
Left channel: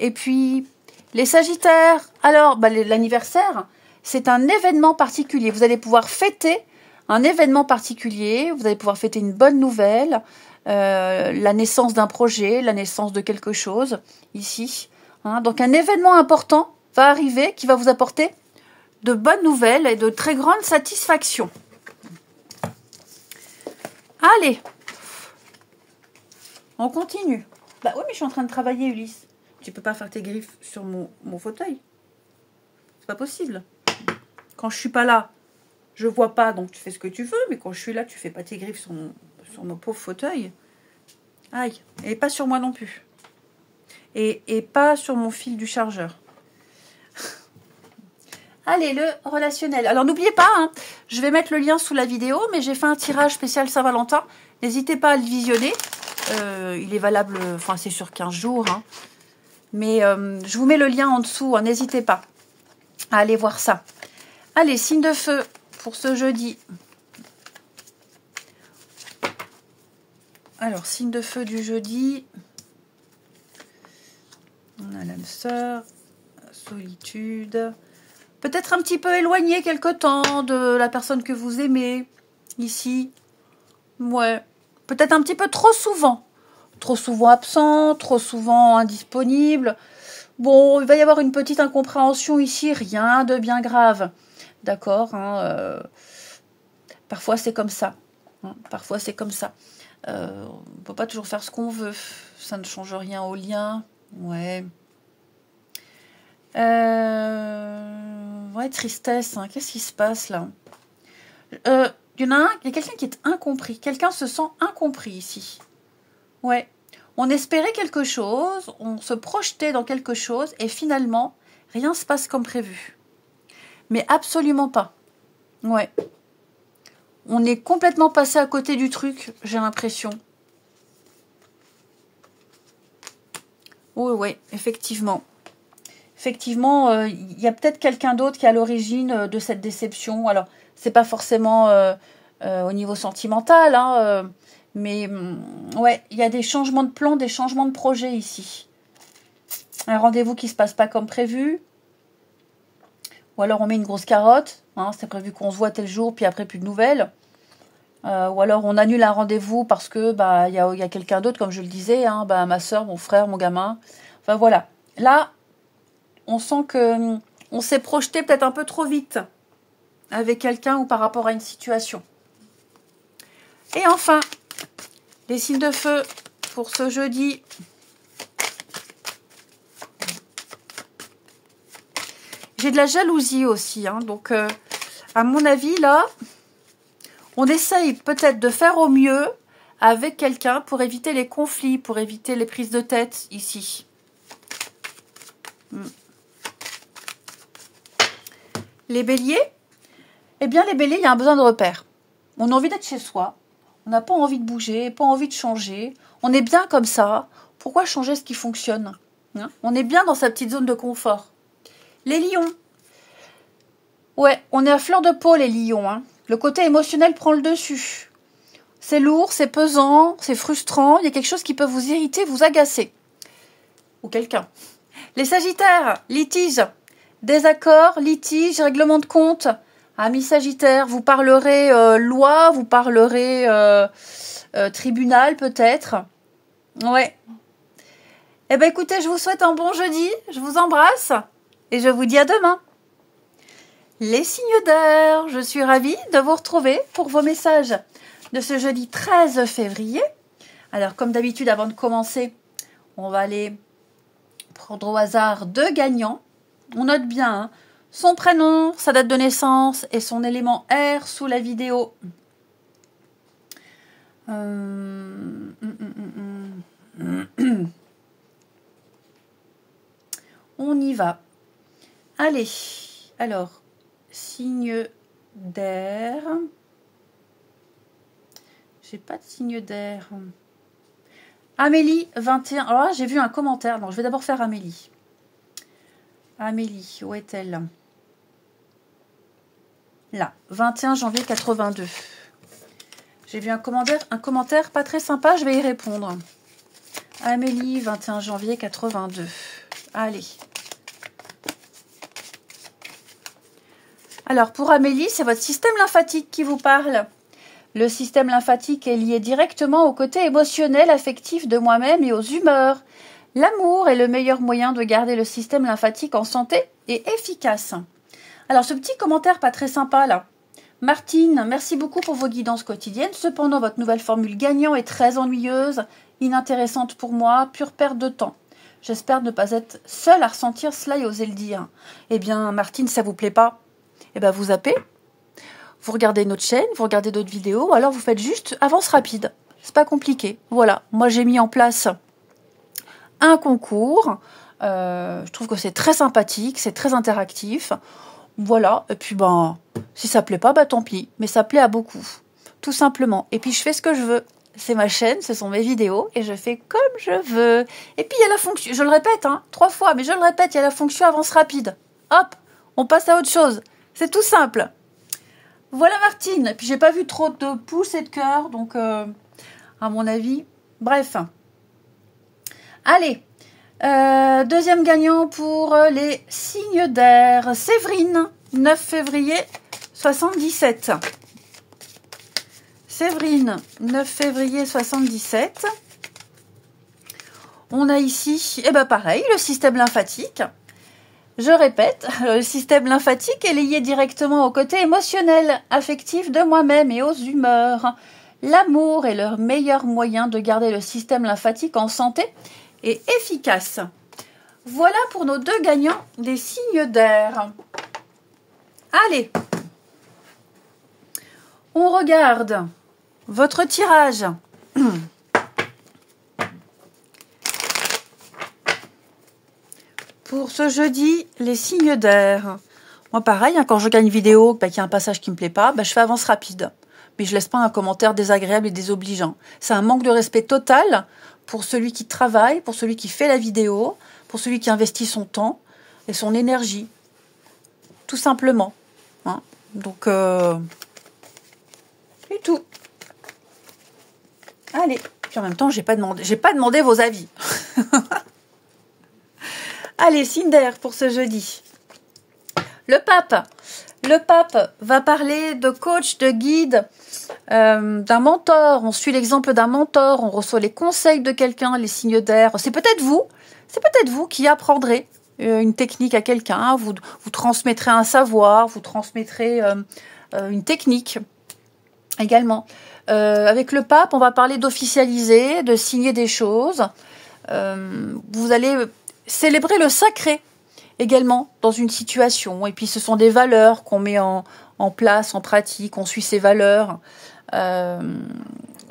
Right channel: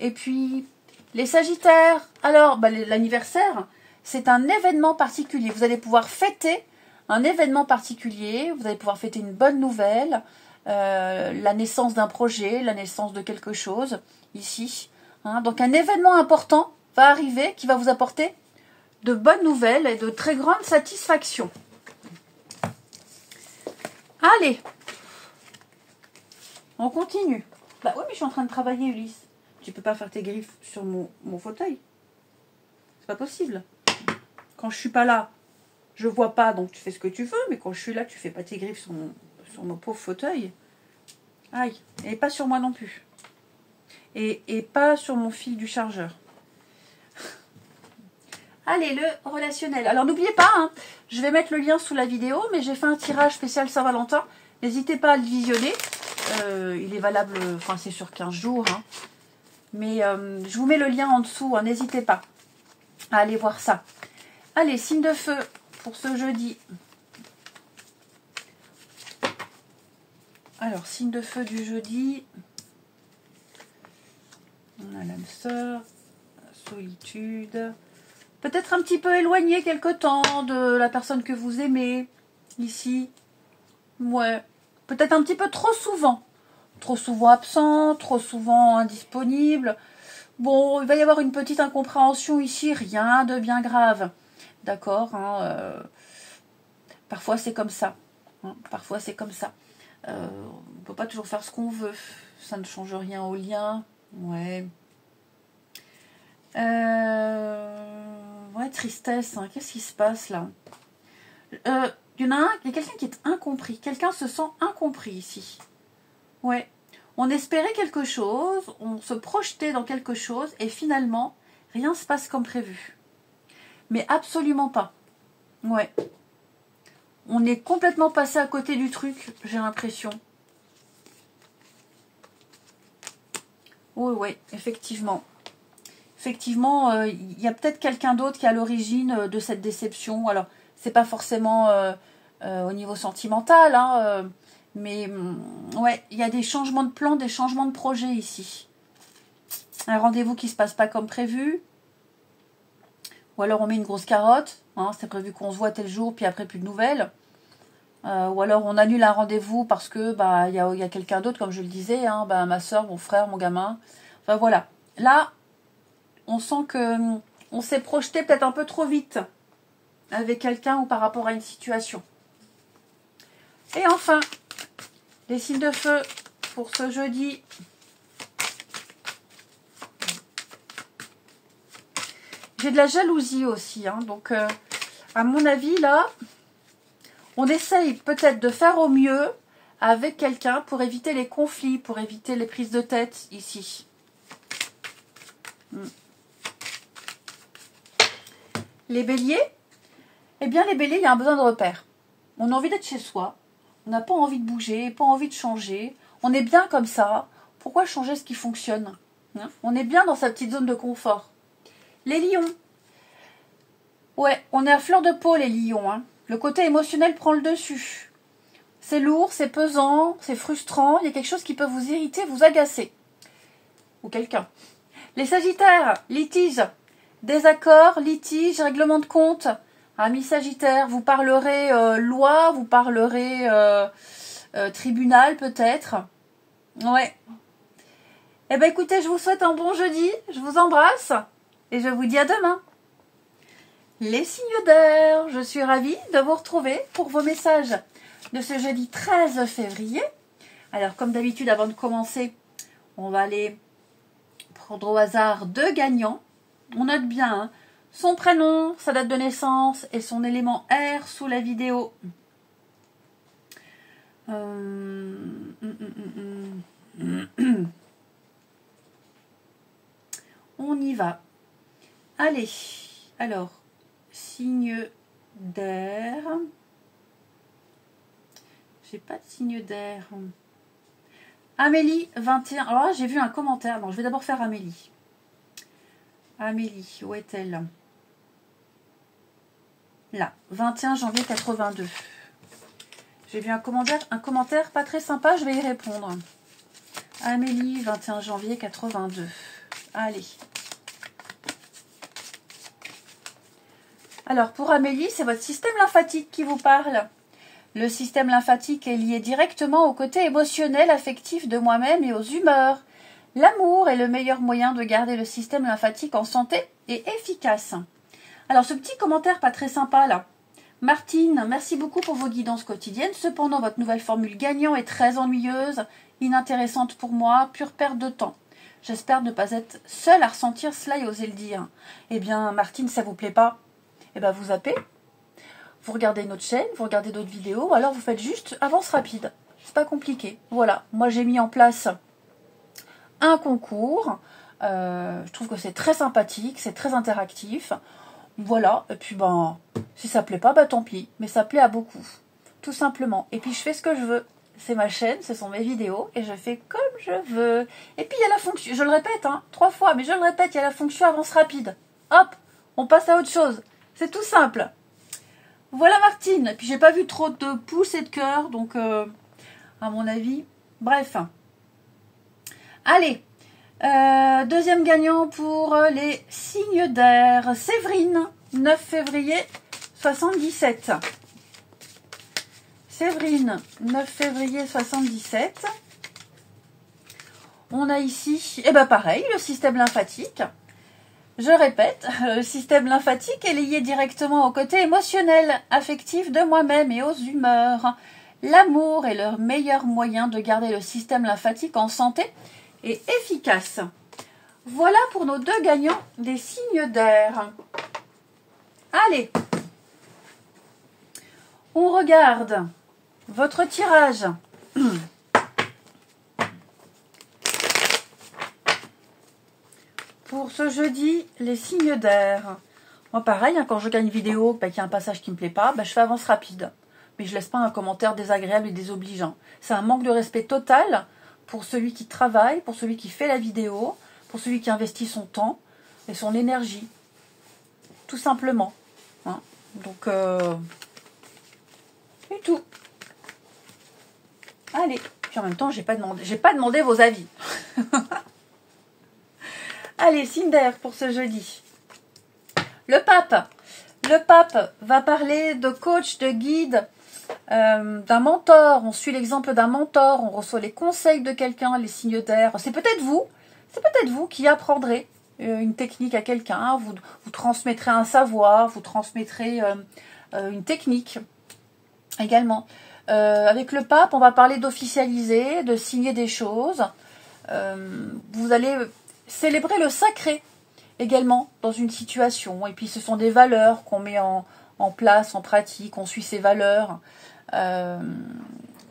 Et puis, les sagittaires. Alors, l'anniversaire, c'est un événement particulier. Vous allez pouvoir fêter un événement particulier. Vous allez pouvoir fêter une bonne nouvelle. La naissance d'un projet, la naissance de quelque chose, ici. Hein? Donc, un événement important va arriver qui va vous apporter de bonnes nouvelles et de très grande satisfaction. Allez, on continue. Bah oui, mais je suis en train de travailler, Ulysse. Tu peux pas faire tes griffes sur mon fauteuil. C'est pas possible. Quand je suis pas là, je vois pas, donc tu fais ce que tu veux. Mais quand je suis là, tu fais pas tes griffes sur mon pauvre fauteuil. Aïe, et pas sur moi non plus. Et pas sur mon fil du chargeur. Allez, le relationnel. Alors, n'oubliez pas, hein, je vais mettre le lien sous la vidéo, mais j'ai fait un tirage spécial Saint-Valentin. N'hésitez pas à le visionner. Il est valable, enfin, c'est sur 15 jours. Hein. Mais je vous mets le lien en dessous. Hein, n'hésitez pas à aller voir ça. Allez, signe de feu pour ce jeudi. Alors, signe de feu du jeudi. On a l'âme sœur, solitude. Peut-être un petit peu éloigné quelque temps de la personne que vous aimez, ici. Ouais. Peut-être un petit peu trop souvent. Trop souvent absent, trop souvent indisponible. Bon, il va y avoir une petite incompréhension ici, rien de bien grave. D'accord, hein, parfois c'est comme ça. Hein, parfois c'est comme ça. On ne peut pas toujours faire ce qu'on veut. Ça ne change rien au lien. Ouais. Ouais, tristesse. Hein. Qu'est-ce qui se passe là? Il y en a un, il y a quelqu'un qui est incompris. Quelqu'un se sent incompris ici. Ouais. On espérait quelque chose, on se projetait dans quelque chose et finalement, rien se passe comme prévu. Mais absolument pas. Ouais. On est complètement passé à côté du truc, j'ai l'impression. Oui, oui, effectivement. Effectivement, il y a peut-être quelqu'un d'autre qui est à l'origine de cette déception. Alors, c'est pas forcément au niveau sentimental, hein, mais ouais, il y a des changements de plan, des changements de projet ici. Un rendez-vous qui se passe pas comme prévu. Ou alors on met une grosse carotte. Hein, c'est prévu qu'on se voit tel jour, puis après plus de nouvelles. Ou alors on annule un rendez-vous parce que bah y a quelqu'un d'autre, comme je le disais, hein, bah, ma soeur, mon frère, mon gamin. Enfin voilà. Là, on sent que on s'est projeté peut-être un peu trop vite avec quelqu'un ou par rapport à une situation. Et enfin, les signes de feu pour ce jeudi. J'ai de la jalousie aussi, hein, donc à mon avis là, on essaye peut-être de faire au mieux avec quelqu'un pour éviter les conflits, pour éviter les prises de tête ici. Les béliers, eh bien les béliers, il y a un besoin de repère. On a envie d'être chez soi, on n'a pas envie de bouger, pas envie de changer, on est bien comme ça, pourquoi changer ce qui fonctionne, hein? On est bien dans sa petite zone de confort. Les lions, ouais, on est à fleur de peau les lions, hein. Le côté émotionnel prend le dessus. C'est lourd, c'est pesant, c'est frustrant, il y a quelque chose qui peut vous irriter, vous agacer. Ou quelqu'un. Les sagittaires, litige, désaccord, litige, règlement de compte. Amis sagittaires, vous parlerez loi, vous parlerez tribunal peut-être. Ouais. Eh bien écoutez, je vous souhaite un bon jeudi, je vous embrasse et je vous dis à demain. Les signes d'air, je suis ravie de vous retrouver pour vos messages de ce jeudi 13 février. Alors comme d'habitude, avant de commencer, on va aller prendre au hasard deux gagnants. On note bien hein, son prénom, sa date de naissance et son élément R sous la vidéo. On y va. Allez, alors, signe d'air. J'ai pas de signe d'air. Amélie, 21. Alors là, j'ai vu un commentaire. Non, je vais d'abord faire Amélie. Amélie, où est-elle? Là, 21 janvier 82. J'ai vu un commentaire pas très sympa, je vais y répondre. Amélie, 21 janvier 82. Allez. Alors, pour Amélie, c'est votre système lymphatique qui vous parle. Le système lymphatique est lié directement au côté émotionnel, affectif de moi-même et aux humeurs. L'amour est le meilleur moyen de garder le système lymphatique en santé et efficace. Alors, ce petit commentaire pas très sympa, là. Martine, merci beaucoup pour vos guidances quotidiennes. Cependant, votre nouvelle formule gagnant est très ennuyeuse, inintéressante pour moi, pure perte de temps. J'espère ne pas être seule à ressentir cela et oser le dire. Eh bien, Martine, ça vous plaît pas? Eh bien, vous zappez, vous regardez notre chaîne, vous regardez d'autres vidéos, ou alors vous faites juste avance rapide. C'est pas compliqué. Voilà, moi j'ai mis en place un concours. Je trouve que c'est très sympathique, c'est très interactif. Voilà, et puis ben, si ça plaît pas, bah tant pis. Mais ça plaît à beaucoup, tout simplement. Et puis je fais ce que je veux. C'est ma chaîne, ce sont mes vidéos, et je fais comme je veux. Et puis il y a la fonction, je le répète, hein, 3 fois, mais je le répète, il y a la fonction avance rapide. Hop, on passe à autre chose. C'est tout simple. Voilà Martine. Et puis j'ai pas vu trop de pouces et de cœurs, donc à mon avis, bref. Allez. Deuxième gagnant pour les signes d'air. Séverine, 9 février 77. Séverine, 9 février 77. On a ici, et ben pareil, le système lymphatique. Je répète, le système lymphatique est lié directement au côté émotionnel, affectif de moi-même et aux humeurs. L'amour est le meilleur moyen de garder le système lymphatique en santé et efficace. Voilà pour nos deux gagnants des signes d'air. Allez, on regarde votre tirage. Pour ce jeudi, les signes d'air. Moi pareil, hein, quand je gagne une vidéo, qu'il y a un passage qui ne me plaît pas, je fais avance rapide. Mais je laisse pas un commentaire désagréable et désobligeant. C'est un manque de respect total pour celui qui travaille, pour celui qui fait la vidéo, pour celui qui investit son temps et son énergie. Tout simplement. Hein. Donc, c'est tout. Allez. Puis en même temps, j'ai pas demandé vos avis. Allez, signe d'air pour ce jeudi. Le pape. Le pape va parler de coach, de guide, d'un mentor. On suit l'exemple d'un mentor. On reçoit les conseils de quelqu'un, les signes d'air. C'est peut-être vous. C'est peut-être vous qui apprendrez une technique à quelqu'un. Vous transmettrez un savoir. Vous transmettrez une technique également. Avec le pape, on va parler d'officialiser, de signer des choses. Vous allez célébrer le sacré également dans une situation. Et puis ce sont des valeurs qu'on met en place, en pratique, on suit ces valeurs.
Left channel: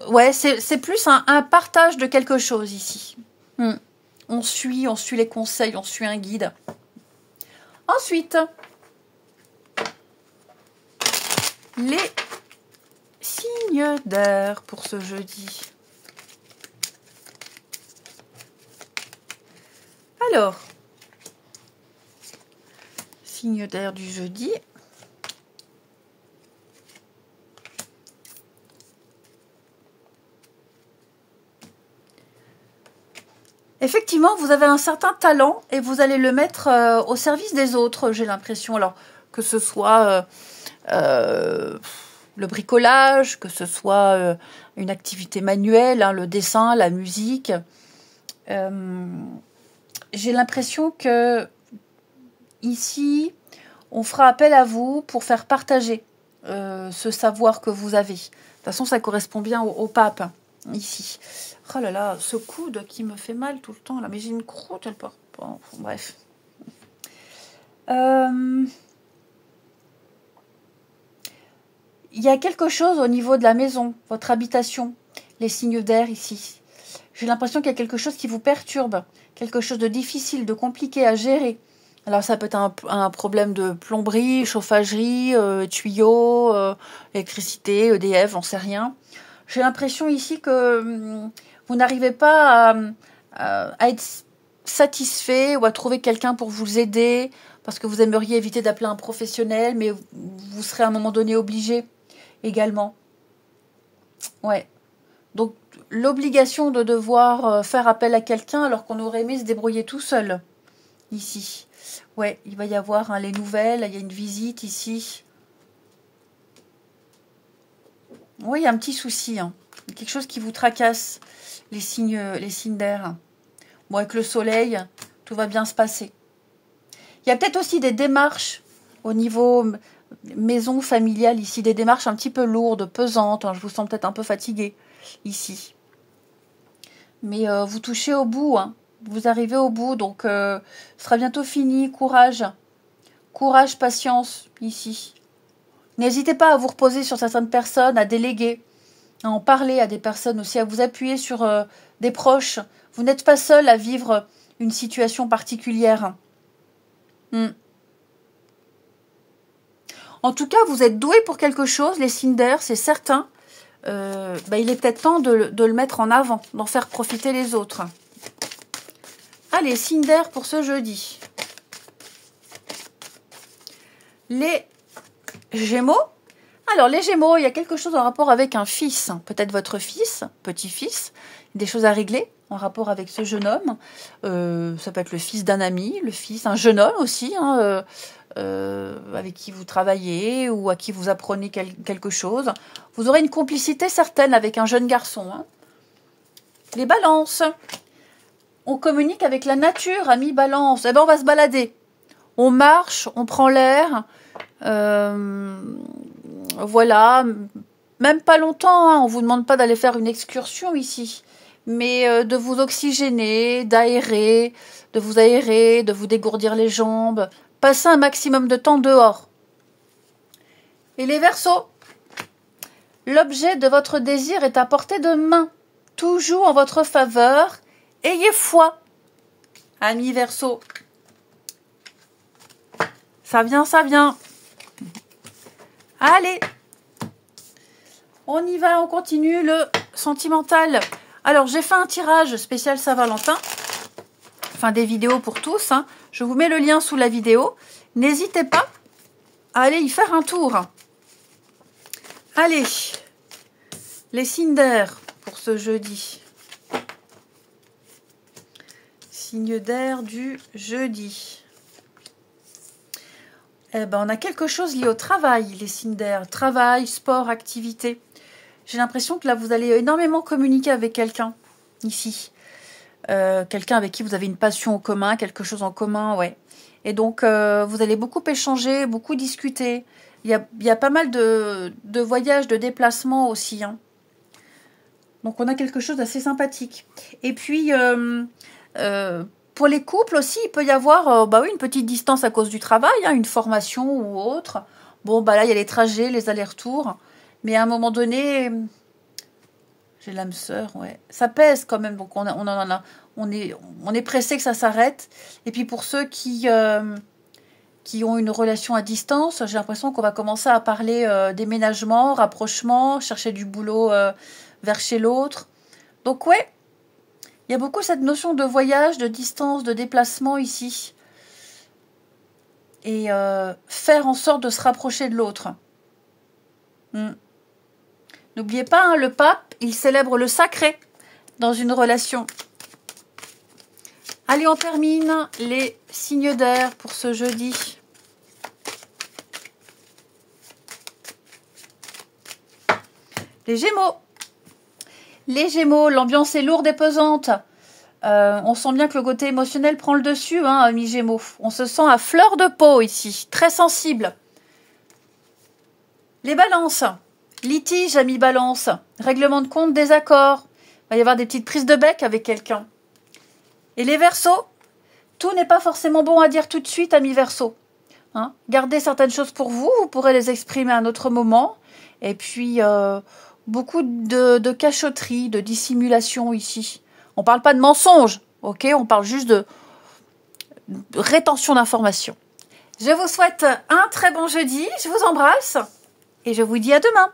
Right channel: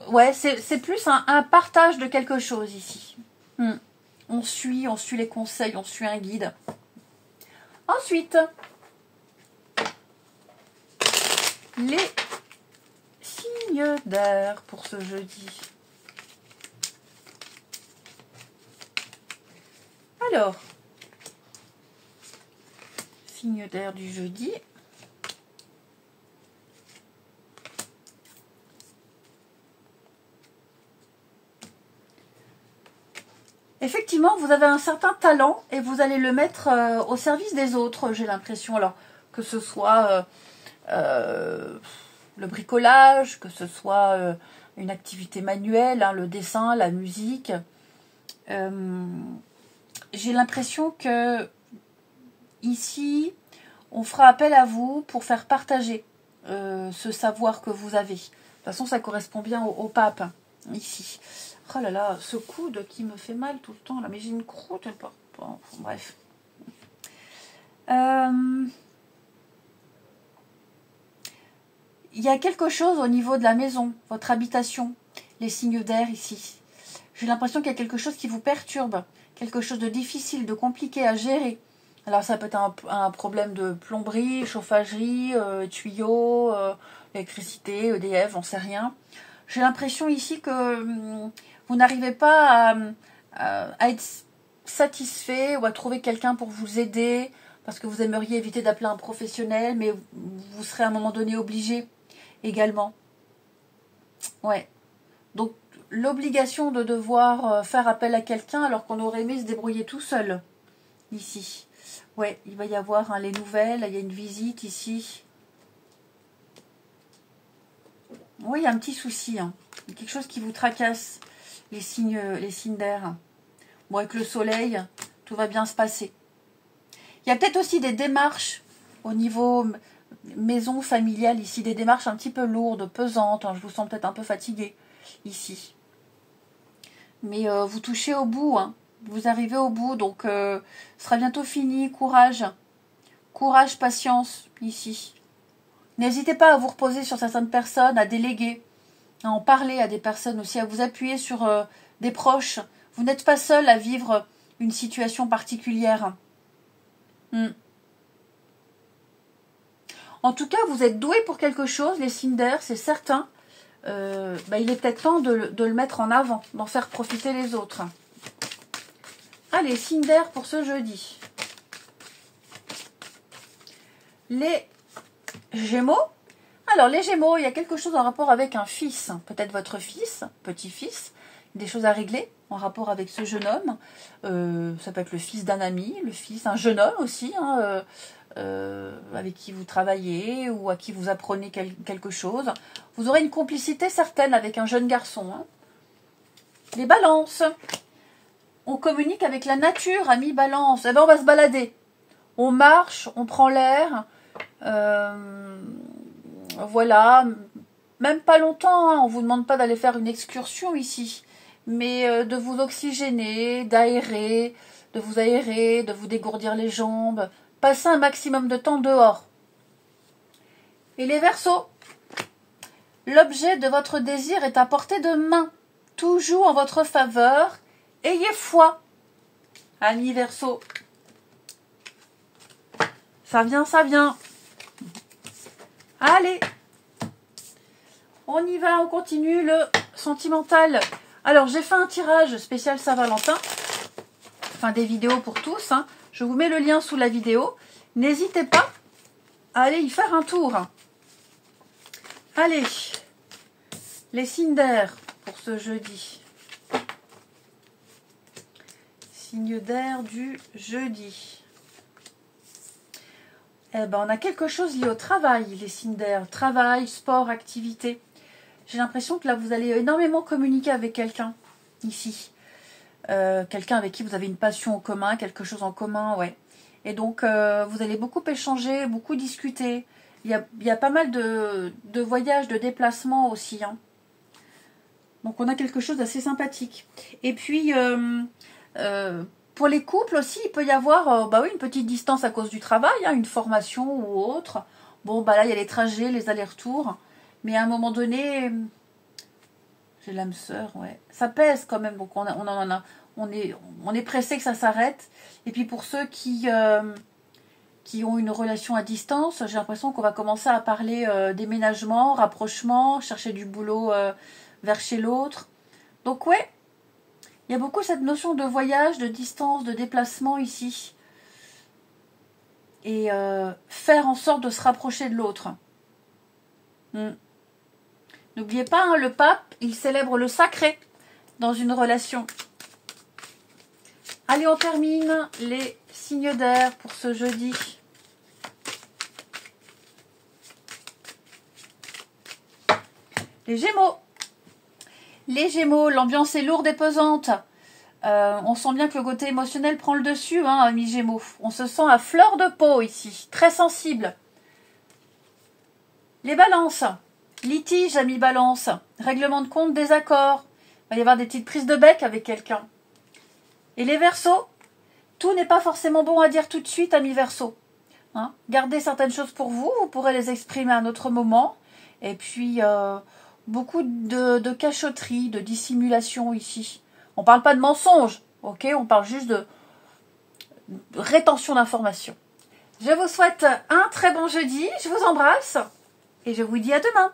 Ouais, c'est plus un partage de quelque chose ici. On suit les conseils, on suit un guide. Ensuite, les signes d'air pour ce jeudi. Alors, signe d'air du jeudi. Effectivement, vous avez un certain talent et vous allez le mettre au service des autres, j'ai l'impression. Alors, que ce soit le bricolage, que ce soit une activité manuelle, hein, le dessin, la musique. J'ai l'impression que ici, on fera appel à vous pour faire partager ce savoir que vous avez. De toute façon, ça correspond bien au pape, ici. Oh là là, ce coude qui me fait mal tout le temps, là. Mais j'ai une croûte, elle part pas. Enfin, bref. Il y a quelque chose au niveau de la maison, votre habitation, les signes d'air ici. J'ai l'impression qu'il y a quelque chose qui vous perturbe, quelque chose de difficile, de compliqué à gérer. Alors ça peut être un problème de plomberie, chauffagerie, tuyaux, électricité, EDF, j'en sais rien. J'ai l'impression ici que vous n'arrivez pas à être satisfait ou à trouver quelqu'un pour vous aider parce que vous aimeriez éviter d'appeler un professionnel, mais vous serez à un moment donné obligé également. Ouais. Donc l'obligation de devoir faire appel à quelqu'un alors qu'on aurait aimé se débrouiller tout seul ici. Ouais, il va y avoir les nouvelles, il y a une visite ici. Oui, il y a un petit souci, hein. Quelque chose qui vous tracasse, les signes d'air. Bon, avec le soleil, tout va bien se passer. Il y a peut-être aussi des démarches Au niveau maison familiale, ici, des démarches un petit peu lourdes, pesantes. Hein, je vous sens peut-être un peu fatigué ici. Mais vous touchez au bout. Hein. Vous arrivez au bout. Donc, ce sera bientôt fini. Courage. Courage, patience, ici. N'hésitez pas à vous reposer sur certaines personnes, à déléguer, à en parler à des personnes aussi, à vous appuyer sur des proches. Vous n'êtes pas seul à vivre une situation particulière. En tout cas, vous êtes doués pour quelque chose, les signes d'air, c'est certain. Il est peut-être temps de le mettre en avant, d'en faire profiter les autres. Allez, signes d'air pour ce jeudi. Les Gémeaux. Alors, les Gémeaux, il y a quelque chose en rapport avec un fils. Peut-être votre fils, petit-fils. Des choses à régler en rapport avec ce jeune homme. Ça peut être le fils d'un ami, un jeune homme aussi, hein, avec qui vous travaillez ou à qui vous apprenez quelque chose. Vous aurez une complicité certaine avec un jeune garçon. Hein. Les balances. On communique avec la nature, amis balance. Eh ben, on va se balader. On marche, on prend l'air. Voilà. Même pas longtemps. Hein. On ne vous demande pas d'aller faire une excursion ici. Mais de vous oxygéner, d'aérer, de vous dégourdir les jambes. Passer un maximum de temps dehors. Et les Verseaux. L'objet de votre désir est à portée de main. Tout joue en votre faveur. Ayez foi. Amis Verseaux. Ça vient, ça vient. Allez. On y va, on continue le sentimental. Alors, j'ai fait un tirage spécial Saint-Valentin. Enfin, des vidéos pour tous. Hein. Je vous mets le lien sous la vidéo. N'hésitez pas à aller y faire un tour. Allez. Les signes d'air pour ce jeudi. Signe d'air du jeudi. Eh ben, on a quelque chose lié au travail, les signes d'air. Travail, sport, activité. J'ai l'impression que là, vous allez énormément communiquer avec quelqu'un, ici. Quelqu'un avec qui vous avez une passion en commun, quelque chose en commun, ouais. Et donc, vous allez beaucoup échanger, beaucoup discuter. Il y a pas mal de voyages, de déplacements aussi. Hein. Donc, on a quelque chose d'assez sympathique. Et puis, pour les couples aussi, il peut y avoir une petite distance à cause du travail, hein, une formation ou autre. Bon, là, il y a les trajets, les allers-retours. Mais à un moment donné, j'ai l'âme sœur, ouais. Ça pèse quand même. Donc, on est pressé que ça s'arrête. Et puis, pour ceux qui ont une relation à distance, j'ai l'impression qu'on va commencer à parler déménagement, rapprochement, chercher du boulot vers chez l'autre. Donc, ouais. Il y a beaucoup cette notion de voyage, de distance, de déplacement ici. Et faire en sorte de se rapprocher de l'autre. N'oubliez pas, hein, le pape, il célèbre le sacré dans une relation. Allez, on termine les signes d'air pour ce jeudi. Les Gémeaux. Les Gémeaux, l'ambiance est lourde et pesante. On sent bien que le côté émotionnel prend le dessus, hein, amis Gémeaux. On se sent à fleur de peau ici, très sensible. Les Balances. Litige, amis Balance. Règlement de compte, désaccord. Il va y avoir des petites prises de bec avec quelqu'un. Et les Verseaux. Tout n'est pas forcément bon à dire tout de suite, amis Verseaux. Hein, gardez certaines choses pour vous. Vous pourrez les exprimer à un autre moment. Et puis, beaucoup de cachotterie, de dissimulation ici. On ne parle pas de mensonge, ok? On parle juste de rétention d'informations. Je vous souhaite un très bon jeudi. Je vous embrasse. Et je vous dis à demain.